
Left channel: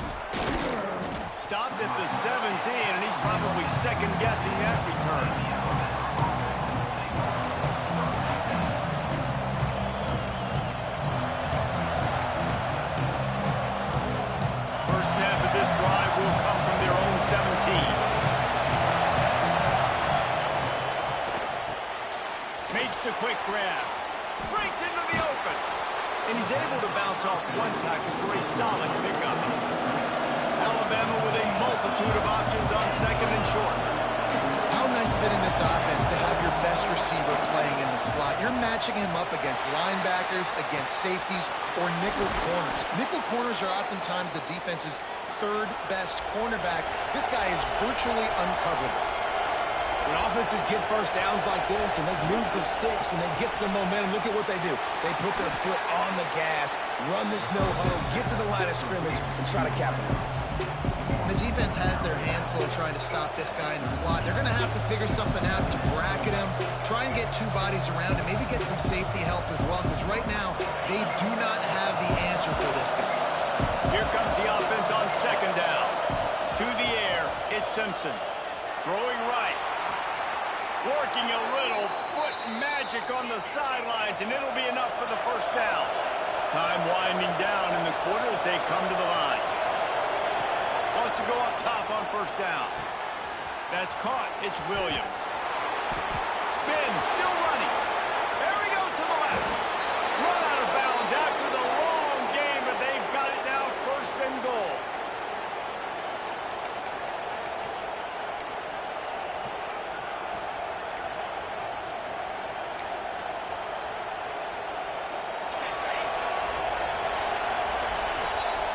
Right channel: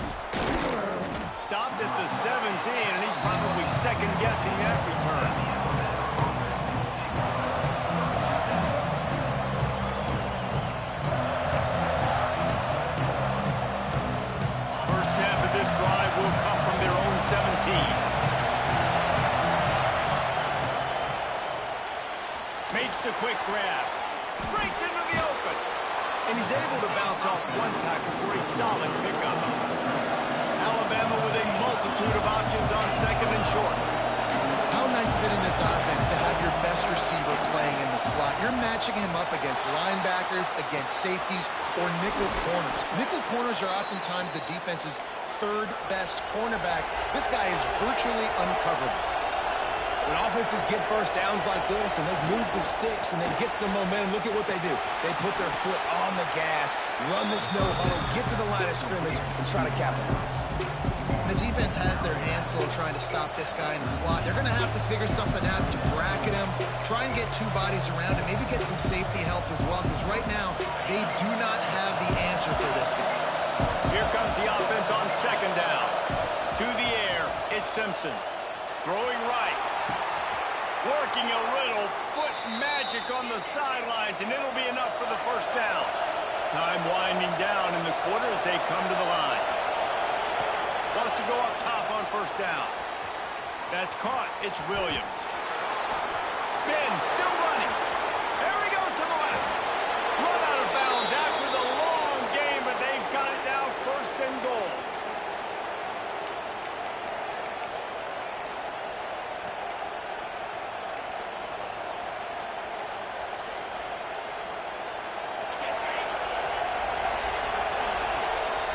Stopped at the 17, and he's probably second-guessing that return. Snap of this drive will come from their own 17. Makes the quick grab. Breaks into the open. And he's able to bounce off 1 tackle for a solid pickup. Alabama with a multitude of options on 2nd and short. How nice is it in this offense to have your best receiver playing in the slot? You're matching him up against linebackers, against safeties, or nickel corners. Nickel corners are oftentimes the defense's 3rd best cornerback. This guy is virtually uncoverable. When offenses get first downs like this and they move the sticks and they get some momentum, look at what they do. They put their foot on the gas, run this no huddle, get to the line of scrimmage, and try to capitalize. The defense has their hands full trying to stop this guy in the slot. They're going to have to figure something out to bracket him, try and get 2 bodies around him, maybe get some safety help as well, because right now they do not have the answer for this guy. Here comes the offense on 2nd down. To the air, it's Simpson. Throwing right. Working a little foot magic on the sidelines, and it'll be enough for the 1st down. Time winding down in the quarter as they come to the line. Wants to go up top on 1st down. That's caught. It's Williams. Spin, still running. There he goes to the left. Run out of bounds after the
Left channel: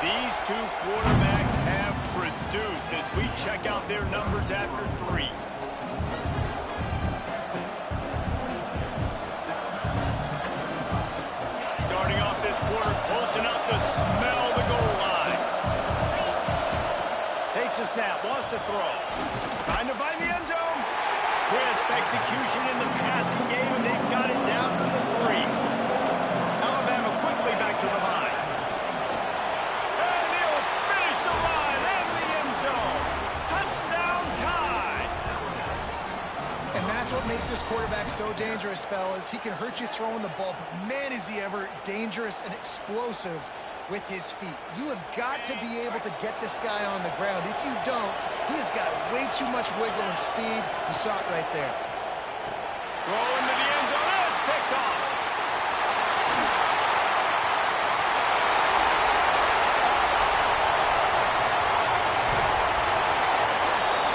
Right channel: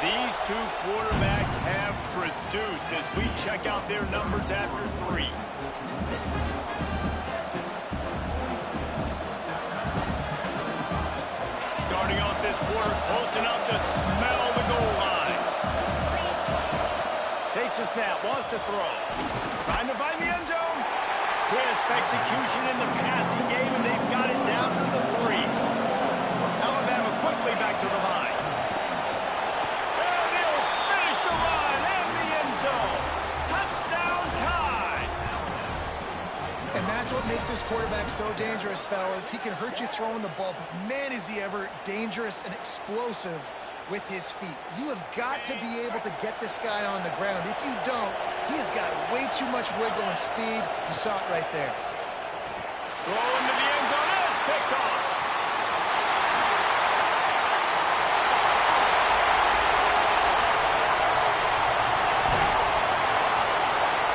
These two quarterbacks have produced as we check out their numbers after 3. Starting off this quarter close enough to smell the goal line. Takes a snap, wants to throw. Trying to find the end zone. Crisp execution in the passing game, and they've got it down to the 3. Alabama quickly back to the line. And he'll finish the run and the end zone. Touchdown tie. And that's what makes this quarterback so dangerous, fellas. He can hurt you throwing the ball, but man, is he ever dangerous and explosive with his feet. You have got to be able to get this guy on the ground. If you don't, he has got way too much wiggle and speed. You saw it right there. Throw into the end zone. And it's picked off.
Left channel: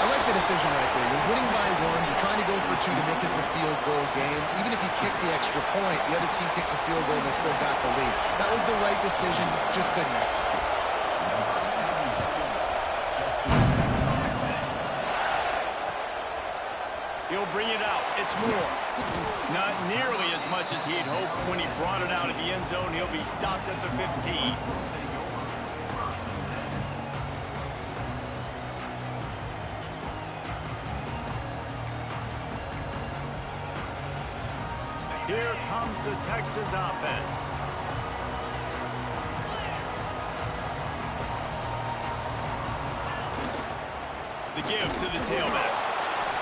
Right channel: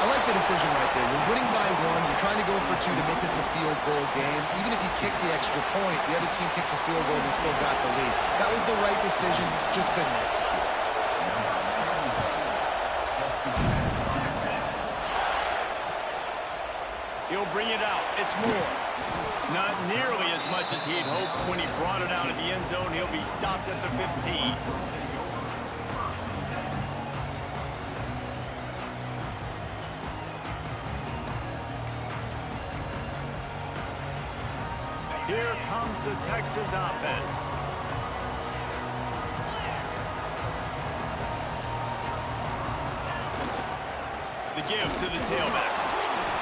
I like the decision right there. You're winning by 1. You're trying to go for 2 to make this a field goal game. Even if you kick the extra point, the other team kicks a field goal and they still got the lead. That was the right decision. Just couldn't execute. He'll bring it out. It's more. Not nearly as much as he'd hoped when he brought it out of the end zone. He'll be stopped at the 15. Here comes the Texas offense. The give to the tailback.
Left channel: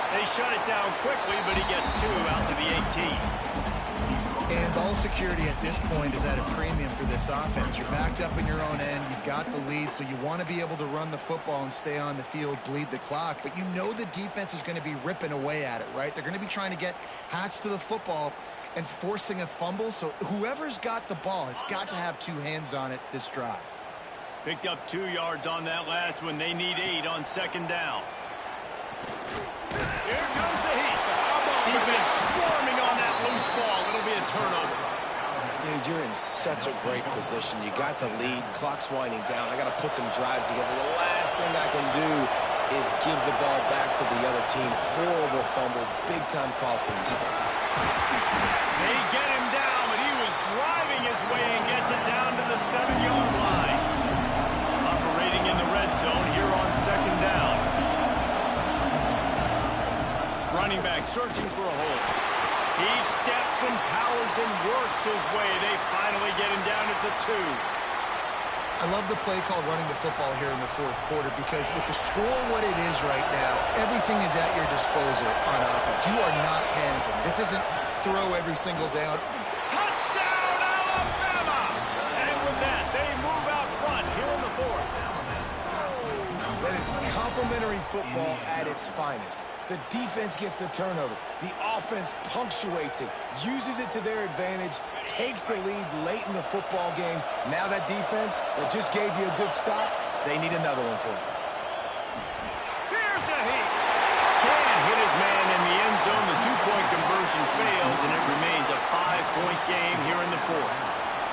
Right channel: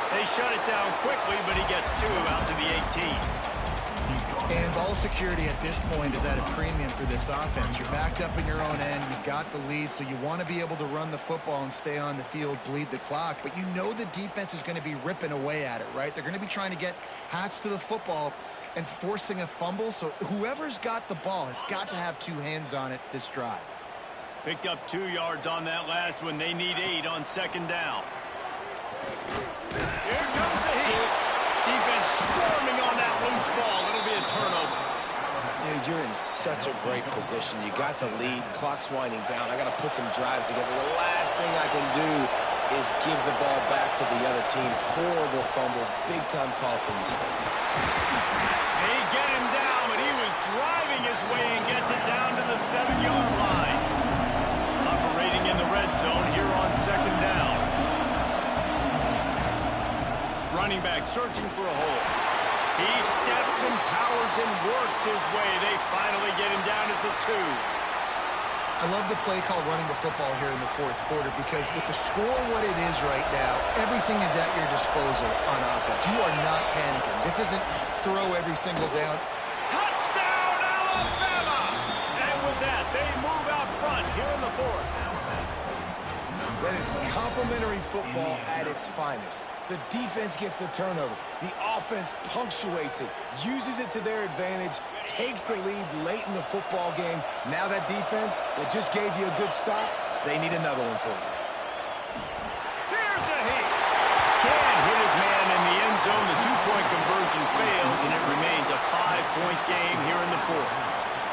They shut it down quickly, but he gets 2 out to the 18. And ball security at this point is at a premium for this offense. You're backed up in your own end. You've got the lead, so you want to be able to run the football and stay on the field, bleed the clock. But you know the defense is going to be ripping away at it, right? They're going to be trying to get hats to the football and forcing a fumble. So whoever's got the ball has got to have 2 hands on it this drive. Picked up 2 yards on that last one. They need 8 on 2nd down. Here comes the heat. Defense swarming on that loose ball. It'll be a turnover. Dude, you're in such a great position. You got the lead. Clock's winding down. I got to put some drives together. The last thing I can do is give the ball back to the other team. Horrible fumble. Big-time costly mistake. They get him down, but he was driving his way and gets it down to the 7-yard line. Operating in the red zone here on 2nd down. Running back searching for a hole. He steps and powers and works his way. They finally get him down at the 2. I love the play called running the football here in the 4th quarter because with the score what it is right now, everything is at your disposal on offense. You are not panicking. This isn't throw every single down. Touchdown, Alabama! And with that, they move out front here in the 4th. That is complimentary football at its finest. The defense gets the turnover. The offense punctuates it, uses it to their advantage, takes the lead late in the football game. Now that defense that just gave you a good stop, they need another one for you. Here's a heat. Can't hit his man in the end zone. The 2-point conversion fails, and it remains a 5-point game here in the 4th.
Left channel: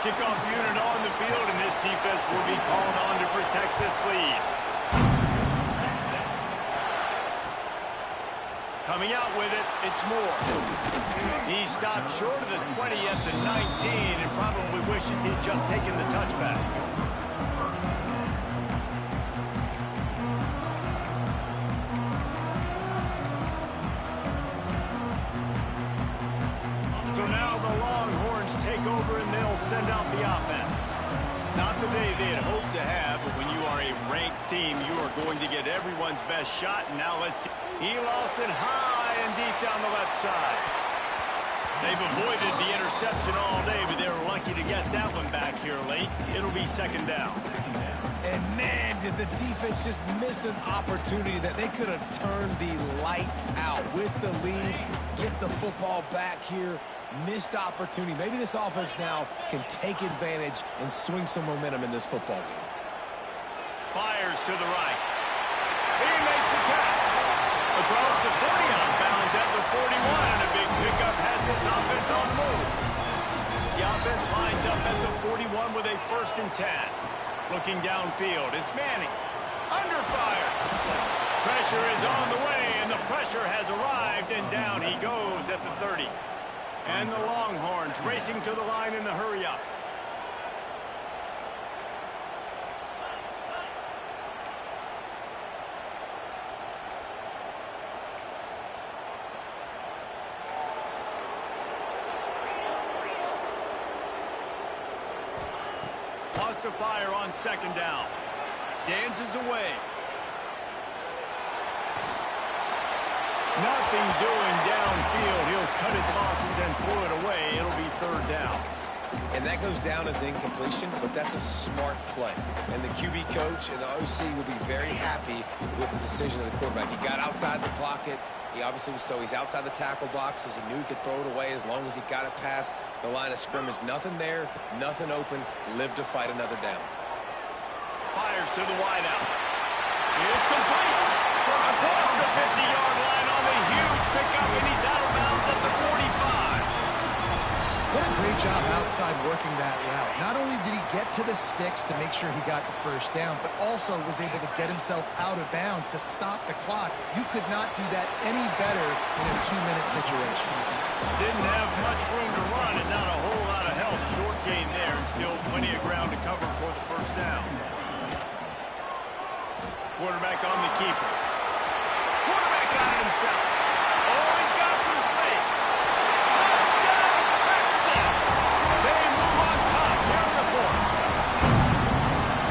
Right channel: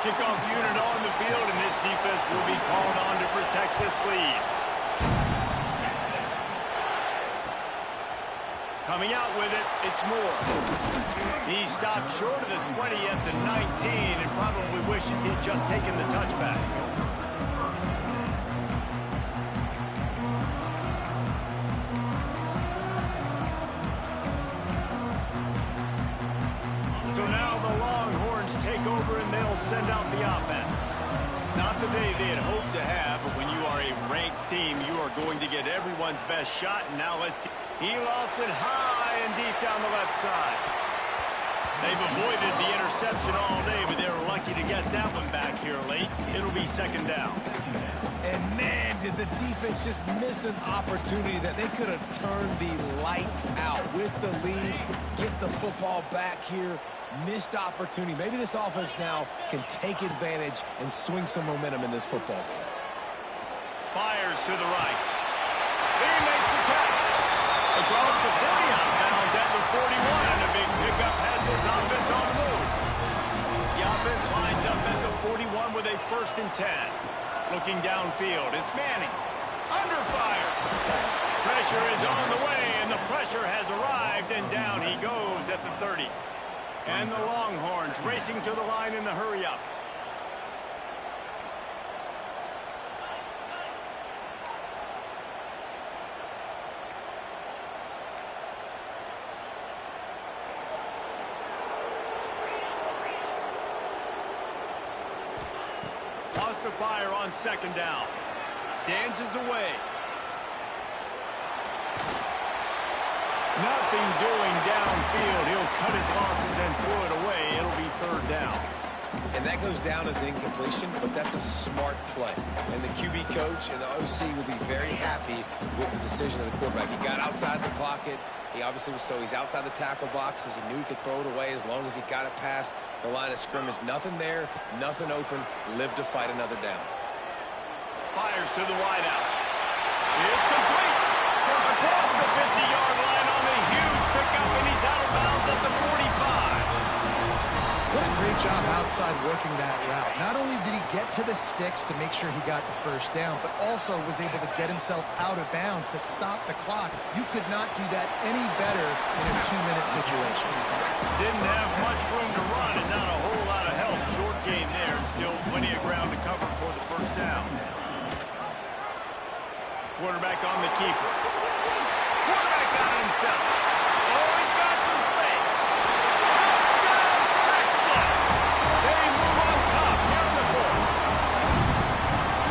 Kickoff unit on the field, and this defense will be called on to protect this lead. Coming out with it, it's Moore. He stopped short of the 20 at the 19 and probably wishes he'd just taken the touchback. So now the Longhorns take over and they'll send out the offense. Not the day they had hoped to have, but when you are a ranked team, you are going to get everyone's best shot. And now let's see. He lost it high and deep down the left side. They've avoided the interception all day, but they were lucky to get that one back here late. It'll be 2nd down. And man, did the defense just miss an opportunity that they could have turned the lights out with the lead, get the football back here. Missed opportunity. Maybe this offense now can take advantage and swing some momentum in this football game. Fires to the right. He makes the catch. Across the 40 out of bounds at the 41, and a big pickup has this offense on the move. The offense lines up at the 41 with a 1st and 10. Looking downfield, it's Manning. Under fire. Pressure is on the way, and the pressure has arrived, and down he goes at the 30. And the Longhorns racing to the line in the hurry-up. Lost to fire on second down. Dances away. Nothing doing downfield. He'll cut his losses and throw it away. It'll be third down. And that goes down as incompletion, but that's a smart play. And the QB coach and the OC will be very happy with the decision of the quarterback. He got outside the pocket. He obviously was he's outside the tackle boxes. He knew he could throw it away as long as he got it past the line of scrimmage. Nothing there, nothing open. Live to fight another down. Fires to the wideout. It's complete. Across the 50-yard line on the huge pickup, and he's out of bounds at the 45. What a great job outside working that route. Not only did he get to the sticks to make sure he got the first down, but also was able to get himself out of bounds to stop the clock. You could not do that any better in a 2-minute situation. Didn't have much room to run and not a whole lot of help. Short game there, and still plenty of ground to cover for the first down. Quarterback on the keeper. Quarterback got it himself. Oh, he's got some space. Touchdown, Texas! They move on top here in the fourth.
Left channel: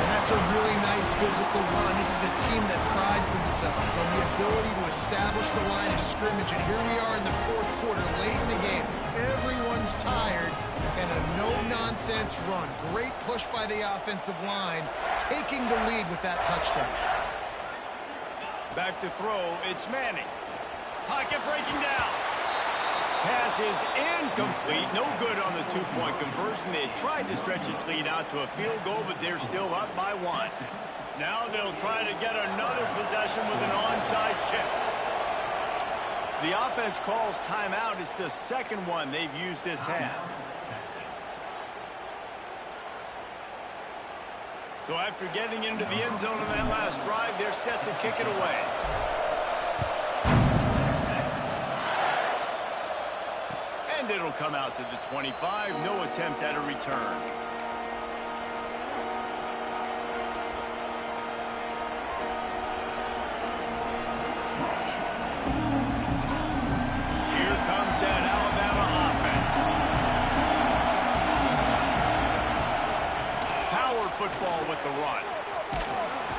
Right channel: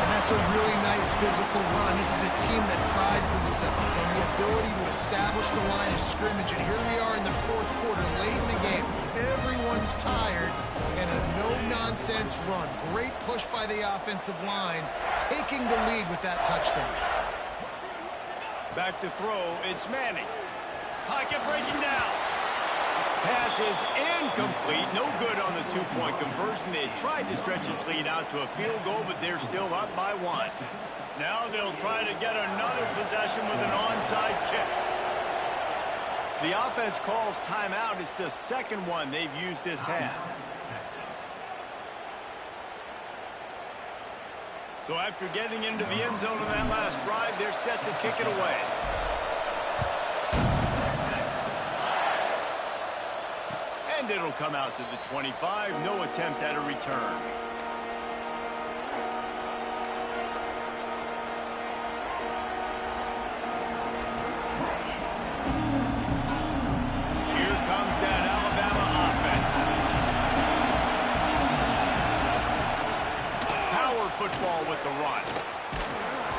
And that's a really nice physical run. This is a team that prides themselves on the ability to establish the line of scrimmage. And here we are in the fourth quarter, late in the game. Everyone's tired, and a no-nonsense run. Great push by the offensive line, taking the lead with that touchdown. Back to throw, it's Manning. Pocket breaking down. Pass is incomplete. No good on the two-point conversion. They tried to stretch his lead out to a field goal, but they're still up by 1. Now they'll try to get another possession with an onside kick. The offense calls timeout. It's the second one they've used this half. So after getting into the end zone on that last drive, they're set to kick it away. And it'll come out to the 25. No attempt at a return. Here comes that Alabama offense. Power football with the run.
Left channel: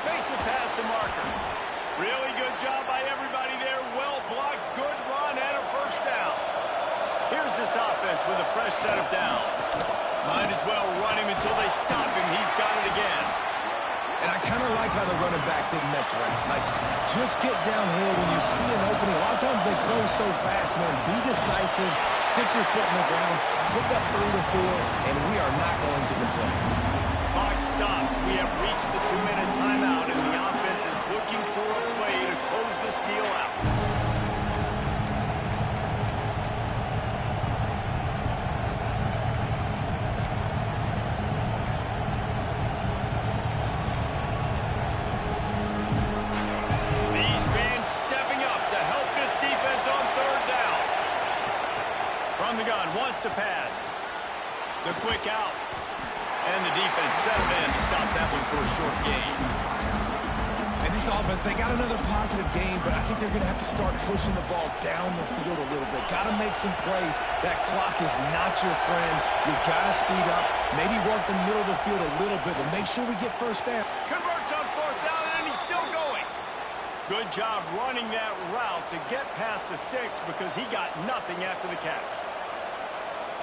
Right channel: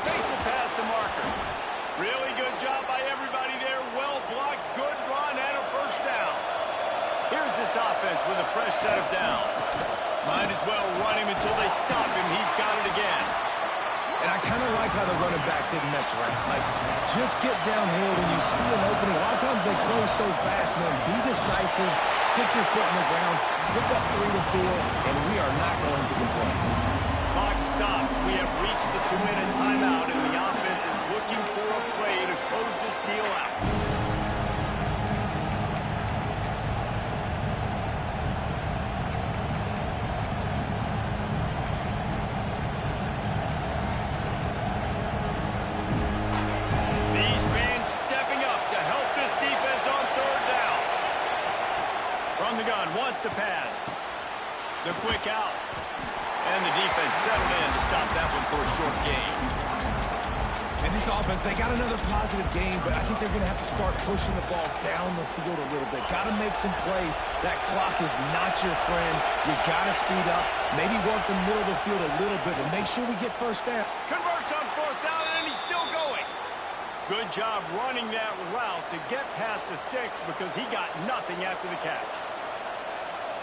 Fakes it past the marker. Really good job by everybody there. Well blocked, good run, and a first down. Here's this offense with a fresh set of downs. Might as well run him until they stop him. He's got it again. And I kind of like how the running back didn't mess around. Like, just get downhill when you see an opening. A lot of times they close so fast, man. Be decisive, stick your foot in the ground, pick up 3 to 4, and we are not going to complain. Clock stops. We have reached the 2-minute timeout, and the offense is looking for a play to close this deal out. These fans stepping up to help this defense on third down. From the gun, wants to pass. The quick out. And the defense settled in to stop that one for a short gain. And this offense, they got another positive game, but I think they're going to have to start pushing the ball down the field a little bit. Got to make some plays. That clock is not your friend. You got to speed up. Maybe work the middle of the field a little bit, but make sure we get first down. Converts on fourth down, and he's still going. Good job running that route to get past the sticks because he got nothing after the catch.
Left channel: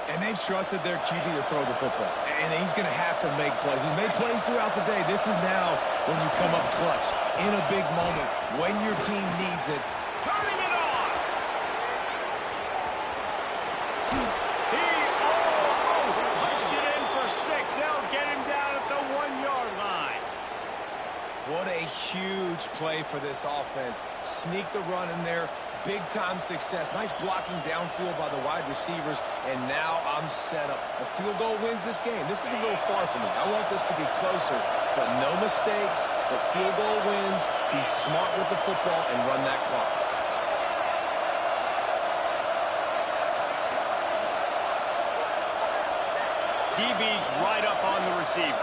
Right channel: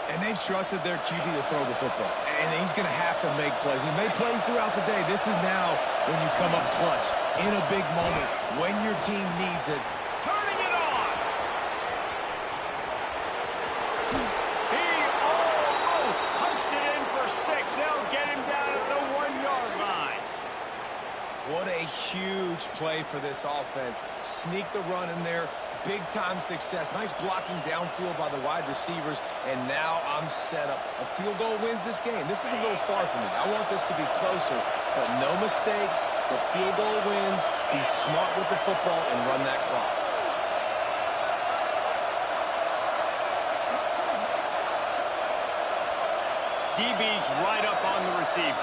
And they've trusted their QB to throw the football. And he's going to have to make plays. He's made plays throughout the day. This is now when you come up clutch in a big moment when your team needs it. Turning it on. He almost punched it in for 6. They'll get him down at the 1-yard line. What a huge play for this offense. Sneak the run in there. Big-time success. Nice blocking downfield by the wide receivers. And now I'm set up. A field goal wins this game. This is a little far for me. I want this to be closer. but no mistakes. The field goal wins. Be smart with the football and run that clock. DB's right up on the receivers.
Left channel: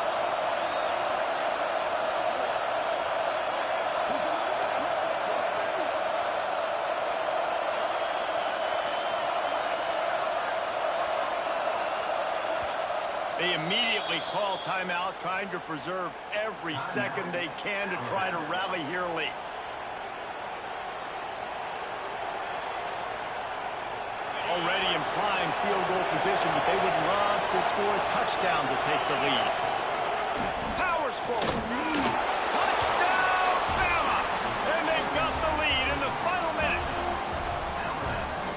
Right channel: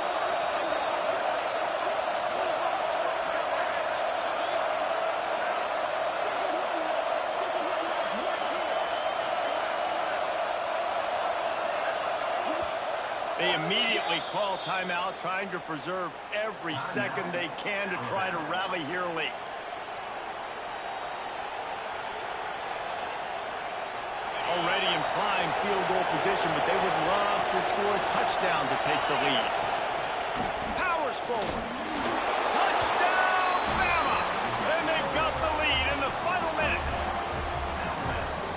They immediately call timeout, trying to preserve every second they can to try to rally here late. Already in prime field goal position, but they would love to score a touchdown to take the lead. Powers forward. Touchdown, Bama! And they've got the lead in the final minute.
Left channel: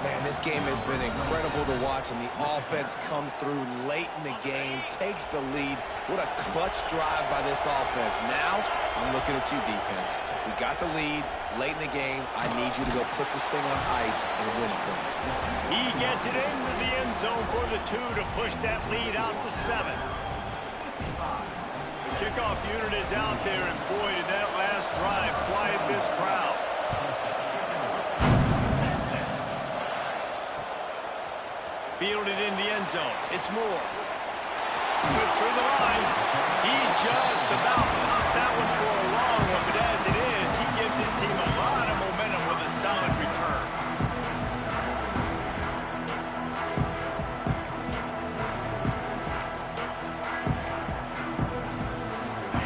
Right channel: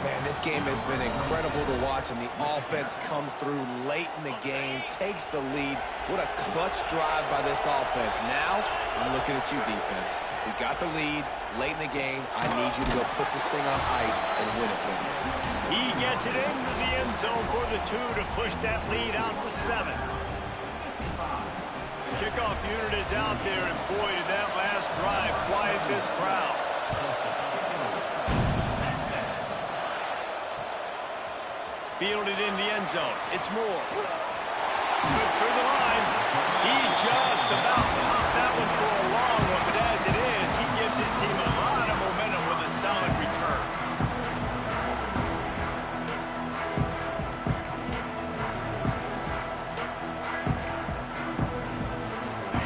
Man, this game has been incredible to watch, and the offense comes through late in the game, takes the lead. What a clutch drive by this offense. Now, I'm looking at you, defense. We got the lead late in the game. I need you to go put this thing on ice and win it for me. He gets it into the end zone for the 2 to push that lead out to 7. The kickoff unit is out there, and boy, did that last drive quiet this crowd. Fielded in the end zone. It's Moore. Slips through the line. He just about popped that one for a long one, but as it is, he gives his team a lot of momentum with a solid return.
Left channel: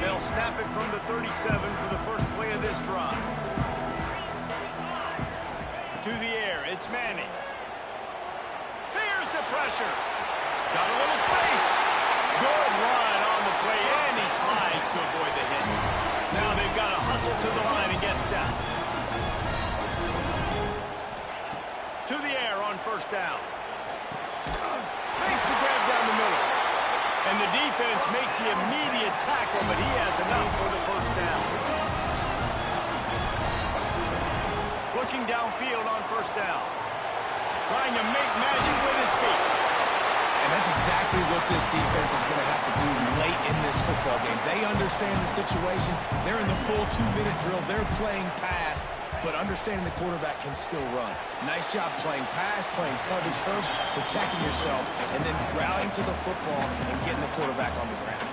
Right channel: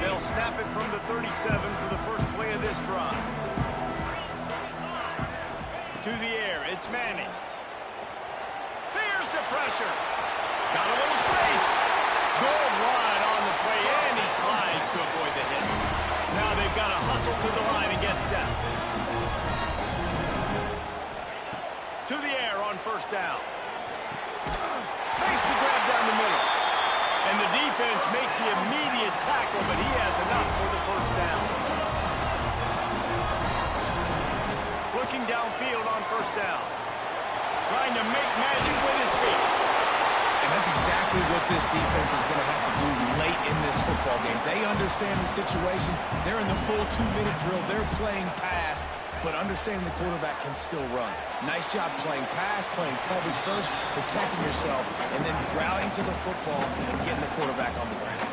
They'll snap it from the 37 for the first play of this drive. To the air, it's Manning. Here's the pressure. Got a little space. Good run on the play, and he slides to avoid the hit. Now they've got to hustle to the line and get set. To the air on first down. Makes the grab down the middle. And the defense makes the immediate tackle, but he has enough for the first down. Looking downfield on first down. Trying to make magic with his feet. And that's exactly what this defense is going to have to do late in this football game. They understand the situation. They're in the full 2-minute drill. They're playing pass, but understanding the quarterback can still run. Nice job playing pass, playing coverage first, protecting yourself, and then rallying to the football and getting the quarterback on the ground.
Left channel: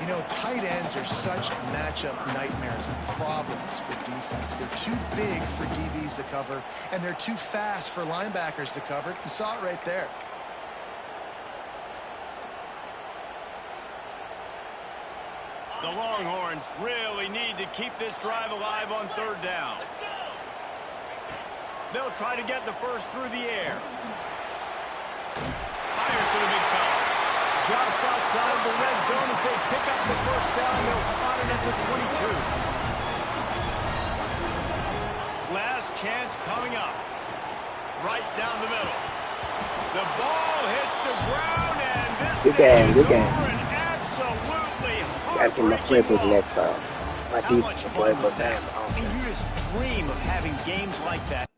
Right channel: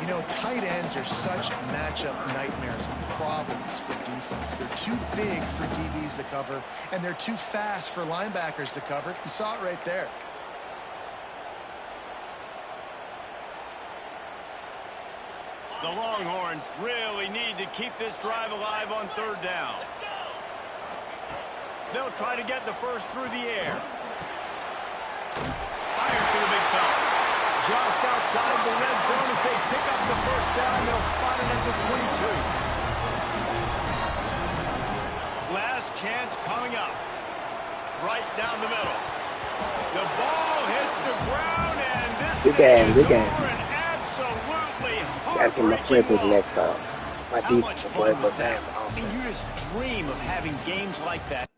You know, tight ends are such matchup nightmares and problems for defense. They're too big for DBs to cover, and they're too fast for linebackers to cover. You saw it right there. The Longhorns really need to keep this drive alive on third down. They'll try to get the first through the air. Fires to the big fella. Just outside the red zone. If they pick up the first down, they'll spot it at the 22. Last chance coming up. Right down the middle. The ball hits the ground, and this Good game, good game. over and absolutely Gotta get my playbook next time. My How much defense fun playbook was that? and I mean, you offense. just dream of having games like that.